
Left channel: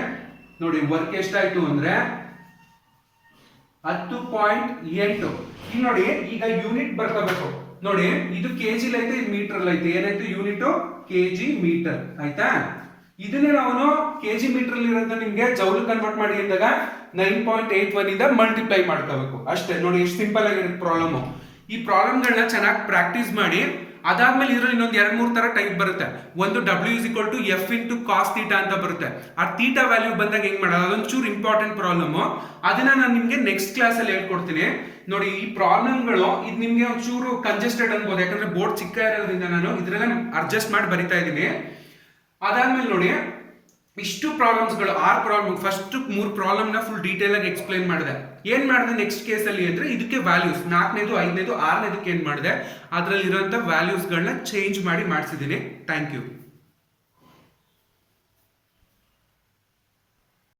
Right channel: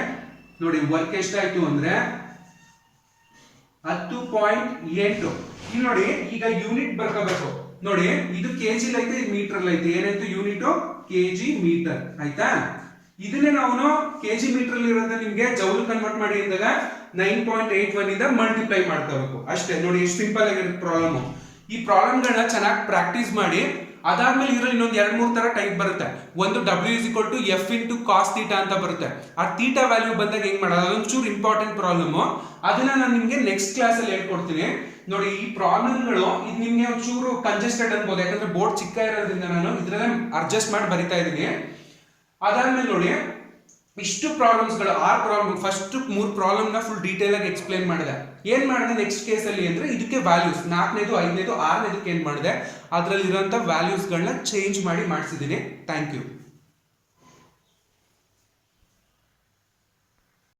ನೋಡಿ ವರ್ಕ್ ಎಷ್ಟಾಯ್ತು ಅಂದ್ರೆ 10.8. ಇಲ್ಲಿ ನೋಡಿ ಈಗ ಯೂನಿಟ್ ಬರ್ಕೋಬೇಕು. ನೋಡಿ ಇದು ಕೆಜಿ ಐತೆ, ಇದು ಮೀಟರ್ ಐತೆ. ಏನಾಯ್ತು ಯೂನಿಟ್ ಕೆಜಿ ಮೀಟರ್ ಆಯ್ತಾ. ಇದನ್ನೇ ನಾವು ಕೆಜಿ ಮೀಟರ್ ಇರೋದನ್ನ ನಿಮ್ಗೆ ಜೌಲ್ ಕನ್ವರ್ಟ್ ಮಾಡಿ ಅಂದಾಗ 9.81 ಇಂದ ಮಲ್ಟಿಪ್ಲೈ ಮಾಡ್ಕೋಬೇಕು ಅಷ್ಟೇ. ನೋಡಿ ಎಷ್ಟು ಸಿಂಪಲ್ ಆಗಿರುತ್ತೆ ಪ್ರಾಬ್ಲಮ್. ಈ ಪ್ರಾಬ್ಲಮ್ಗಳನ್ನ ಚೆನ್ನಾಗಿ ಪ್ರಾಕ್ಟೀಸ್ ಮಾಡಿ. ಅದಾದ್ಮೇಲೆ ಇದ್ರಲ್ಲಿ ಇನ್ನೊಂದು 2-3 ತರ ಟೈಪ್ ಬರುತ್ತೆ. ಒಂದು W = F × cos θ ಅಂತ ಬರುತ್ತೆ. ಆ ಥೀಟಾ ವ್ಯಾಲ್ಯೂ ಬಂದಾಗ ಹೆಂಗ್ ಮಾಡೋದು ಅದೊಂಚೂರು ಇಂಪಾರ್ಟೆಂಟ್ ಪ್ರಾಬ್ಲಮ್. ಅದನ್ನ ನಾನು ನಿಮ್ಗೆ ನೆಕ್ಸ್ಟ್ ಕ್ಲಾಸ್ ಅಲ್ಲಿ ಹೇಳ್ಕೊಡ್ತೀನಿ. ನೋಡಿ ಈ ಪ್ರಾಬ್ಲಮ್ಗಳು ಇದು ನಿಮ್ಗೆ ಒಂಚೂರು ಕಂಜೆಸ್ಟೆಡ್ ಅನ್ಬೋದು, ಯಾಕಂದ್ರೆ ಬೋರ್ಡ್ ಚಿಕ್ಕ ಇರೋದ್ರಿಂದ ನಾನು ಇದ್ರಲ್ಲೇ ಅಡ್ಜಸ್ಟ್ ಮಾಡಿ ಬರಿತಾ ಇದ್ದೀನಿ. ಅದಾದ್ಮೇಲೆ ನೋಡಿ ಇಷ್ಟು ಪ್ರಾಬ್ಲಮ್ಸ್ಗಳು 6 ಪ್ರಾಬ್ಲಮ್, ಫಸ್ಟ್ 3 ಪ್ರಾಬ್ಲಮ್ನ ಫುಲ್ ಡೀಟೇಲ್ ಆಗಿ ಎಕ್ಸ್ಪ್ಲೈನ್ ಮಾಡಿದೆ. ಏನ್ ಮಾಡಿದೆ ನೆಕ್ಸ್ಟ್ ಕೇಸಲ್ಲಿ ಅಂದ್ರೆ ಇದಕ್ಕೆ ವ್ಯಾಲ್ಯೂಸ್ 4ನೇದು 5ನೇದು 6ನೇದಕ್ಕೆ ಏನ್ ಮಾಡಿದೆ ಅದರಲ್ಲಿ ಇರುವಂತ ವ್ಯಾಲ್ಯೂಸ್ಗಳನ್ನ ಚೇಂಜ್ ಮಾಡಿ ಮಾಡಿಸಿದ್ದೀನಿ. Thank you.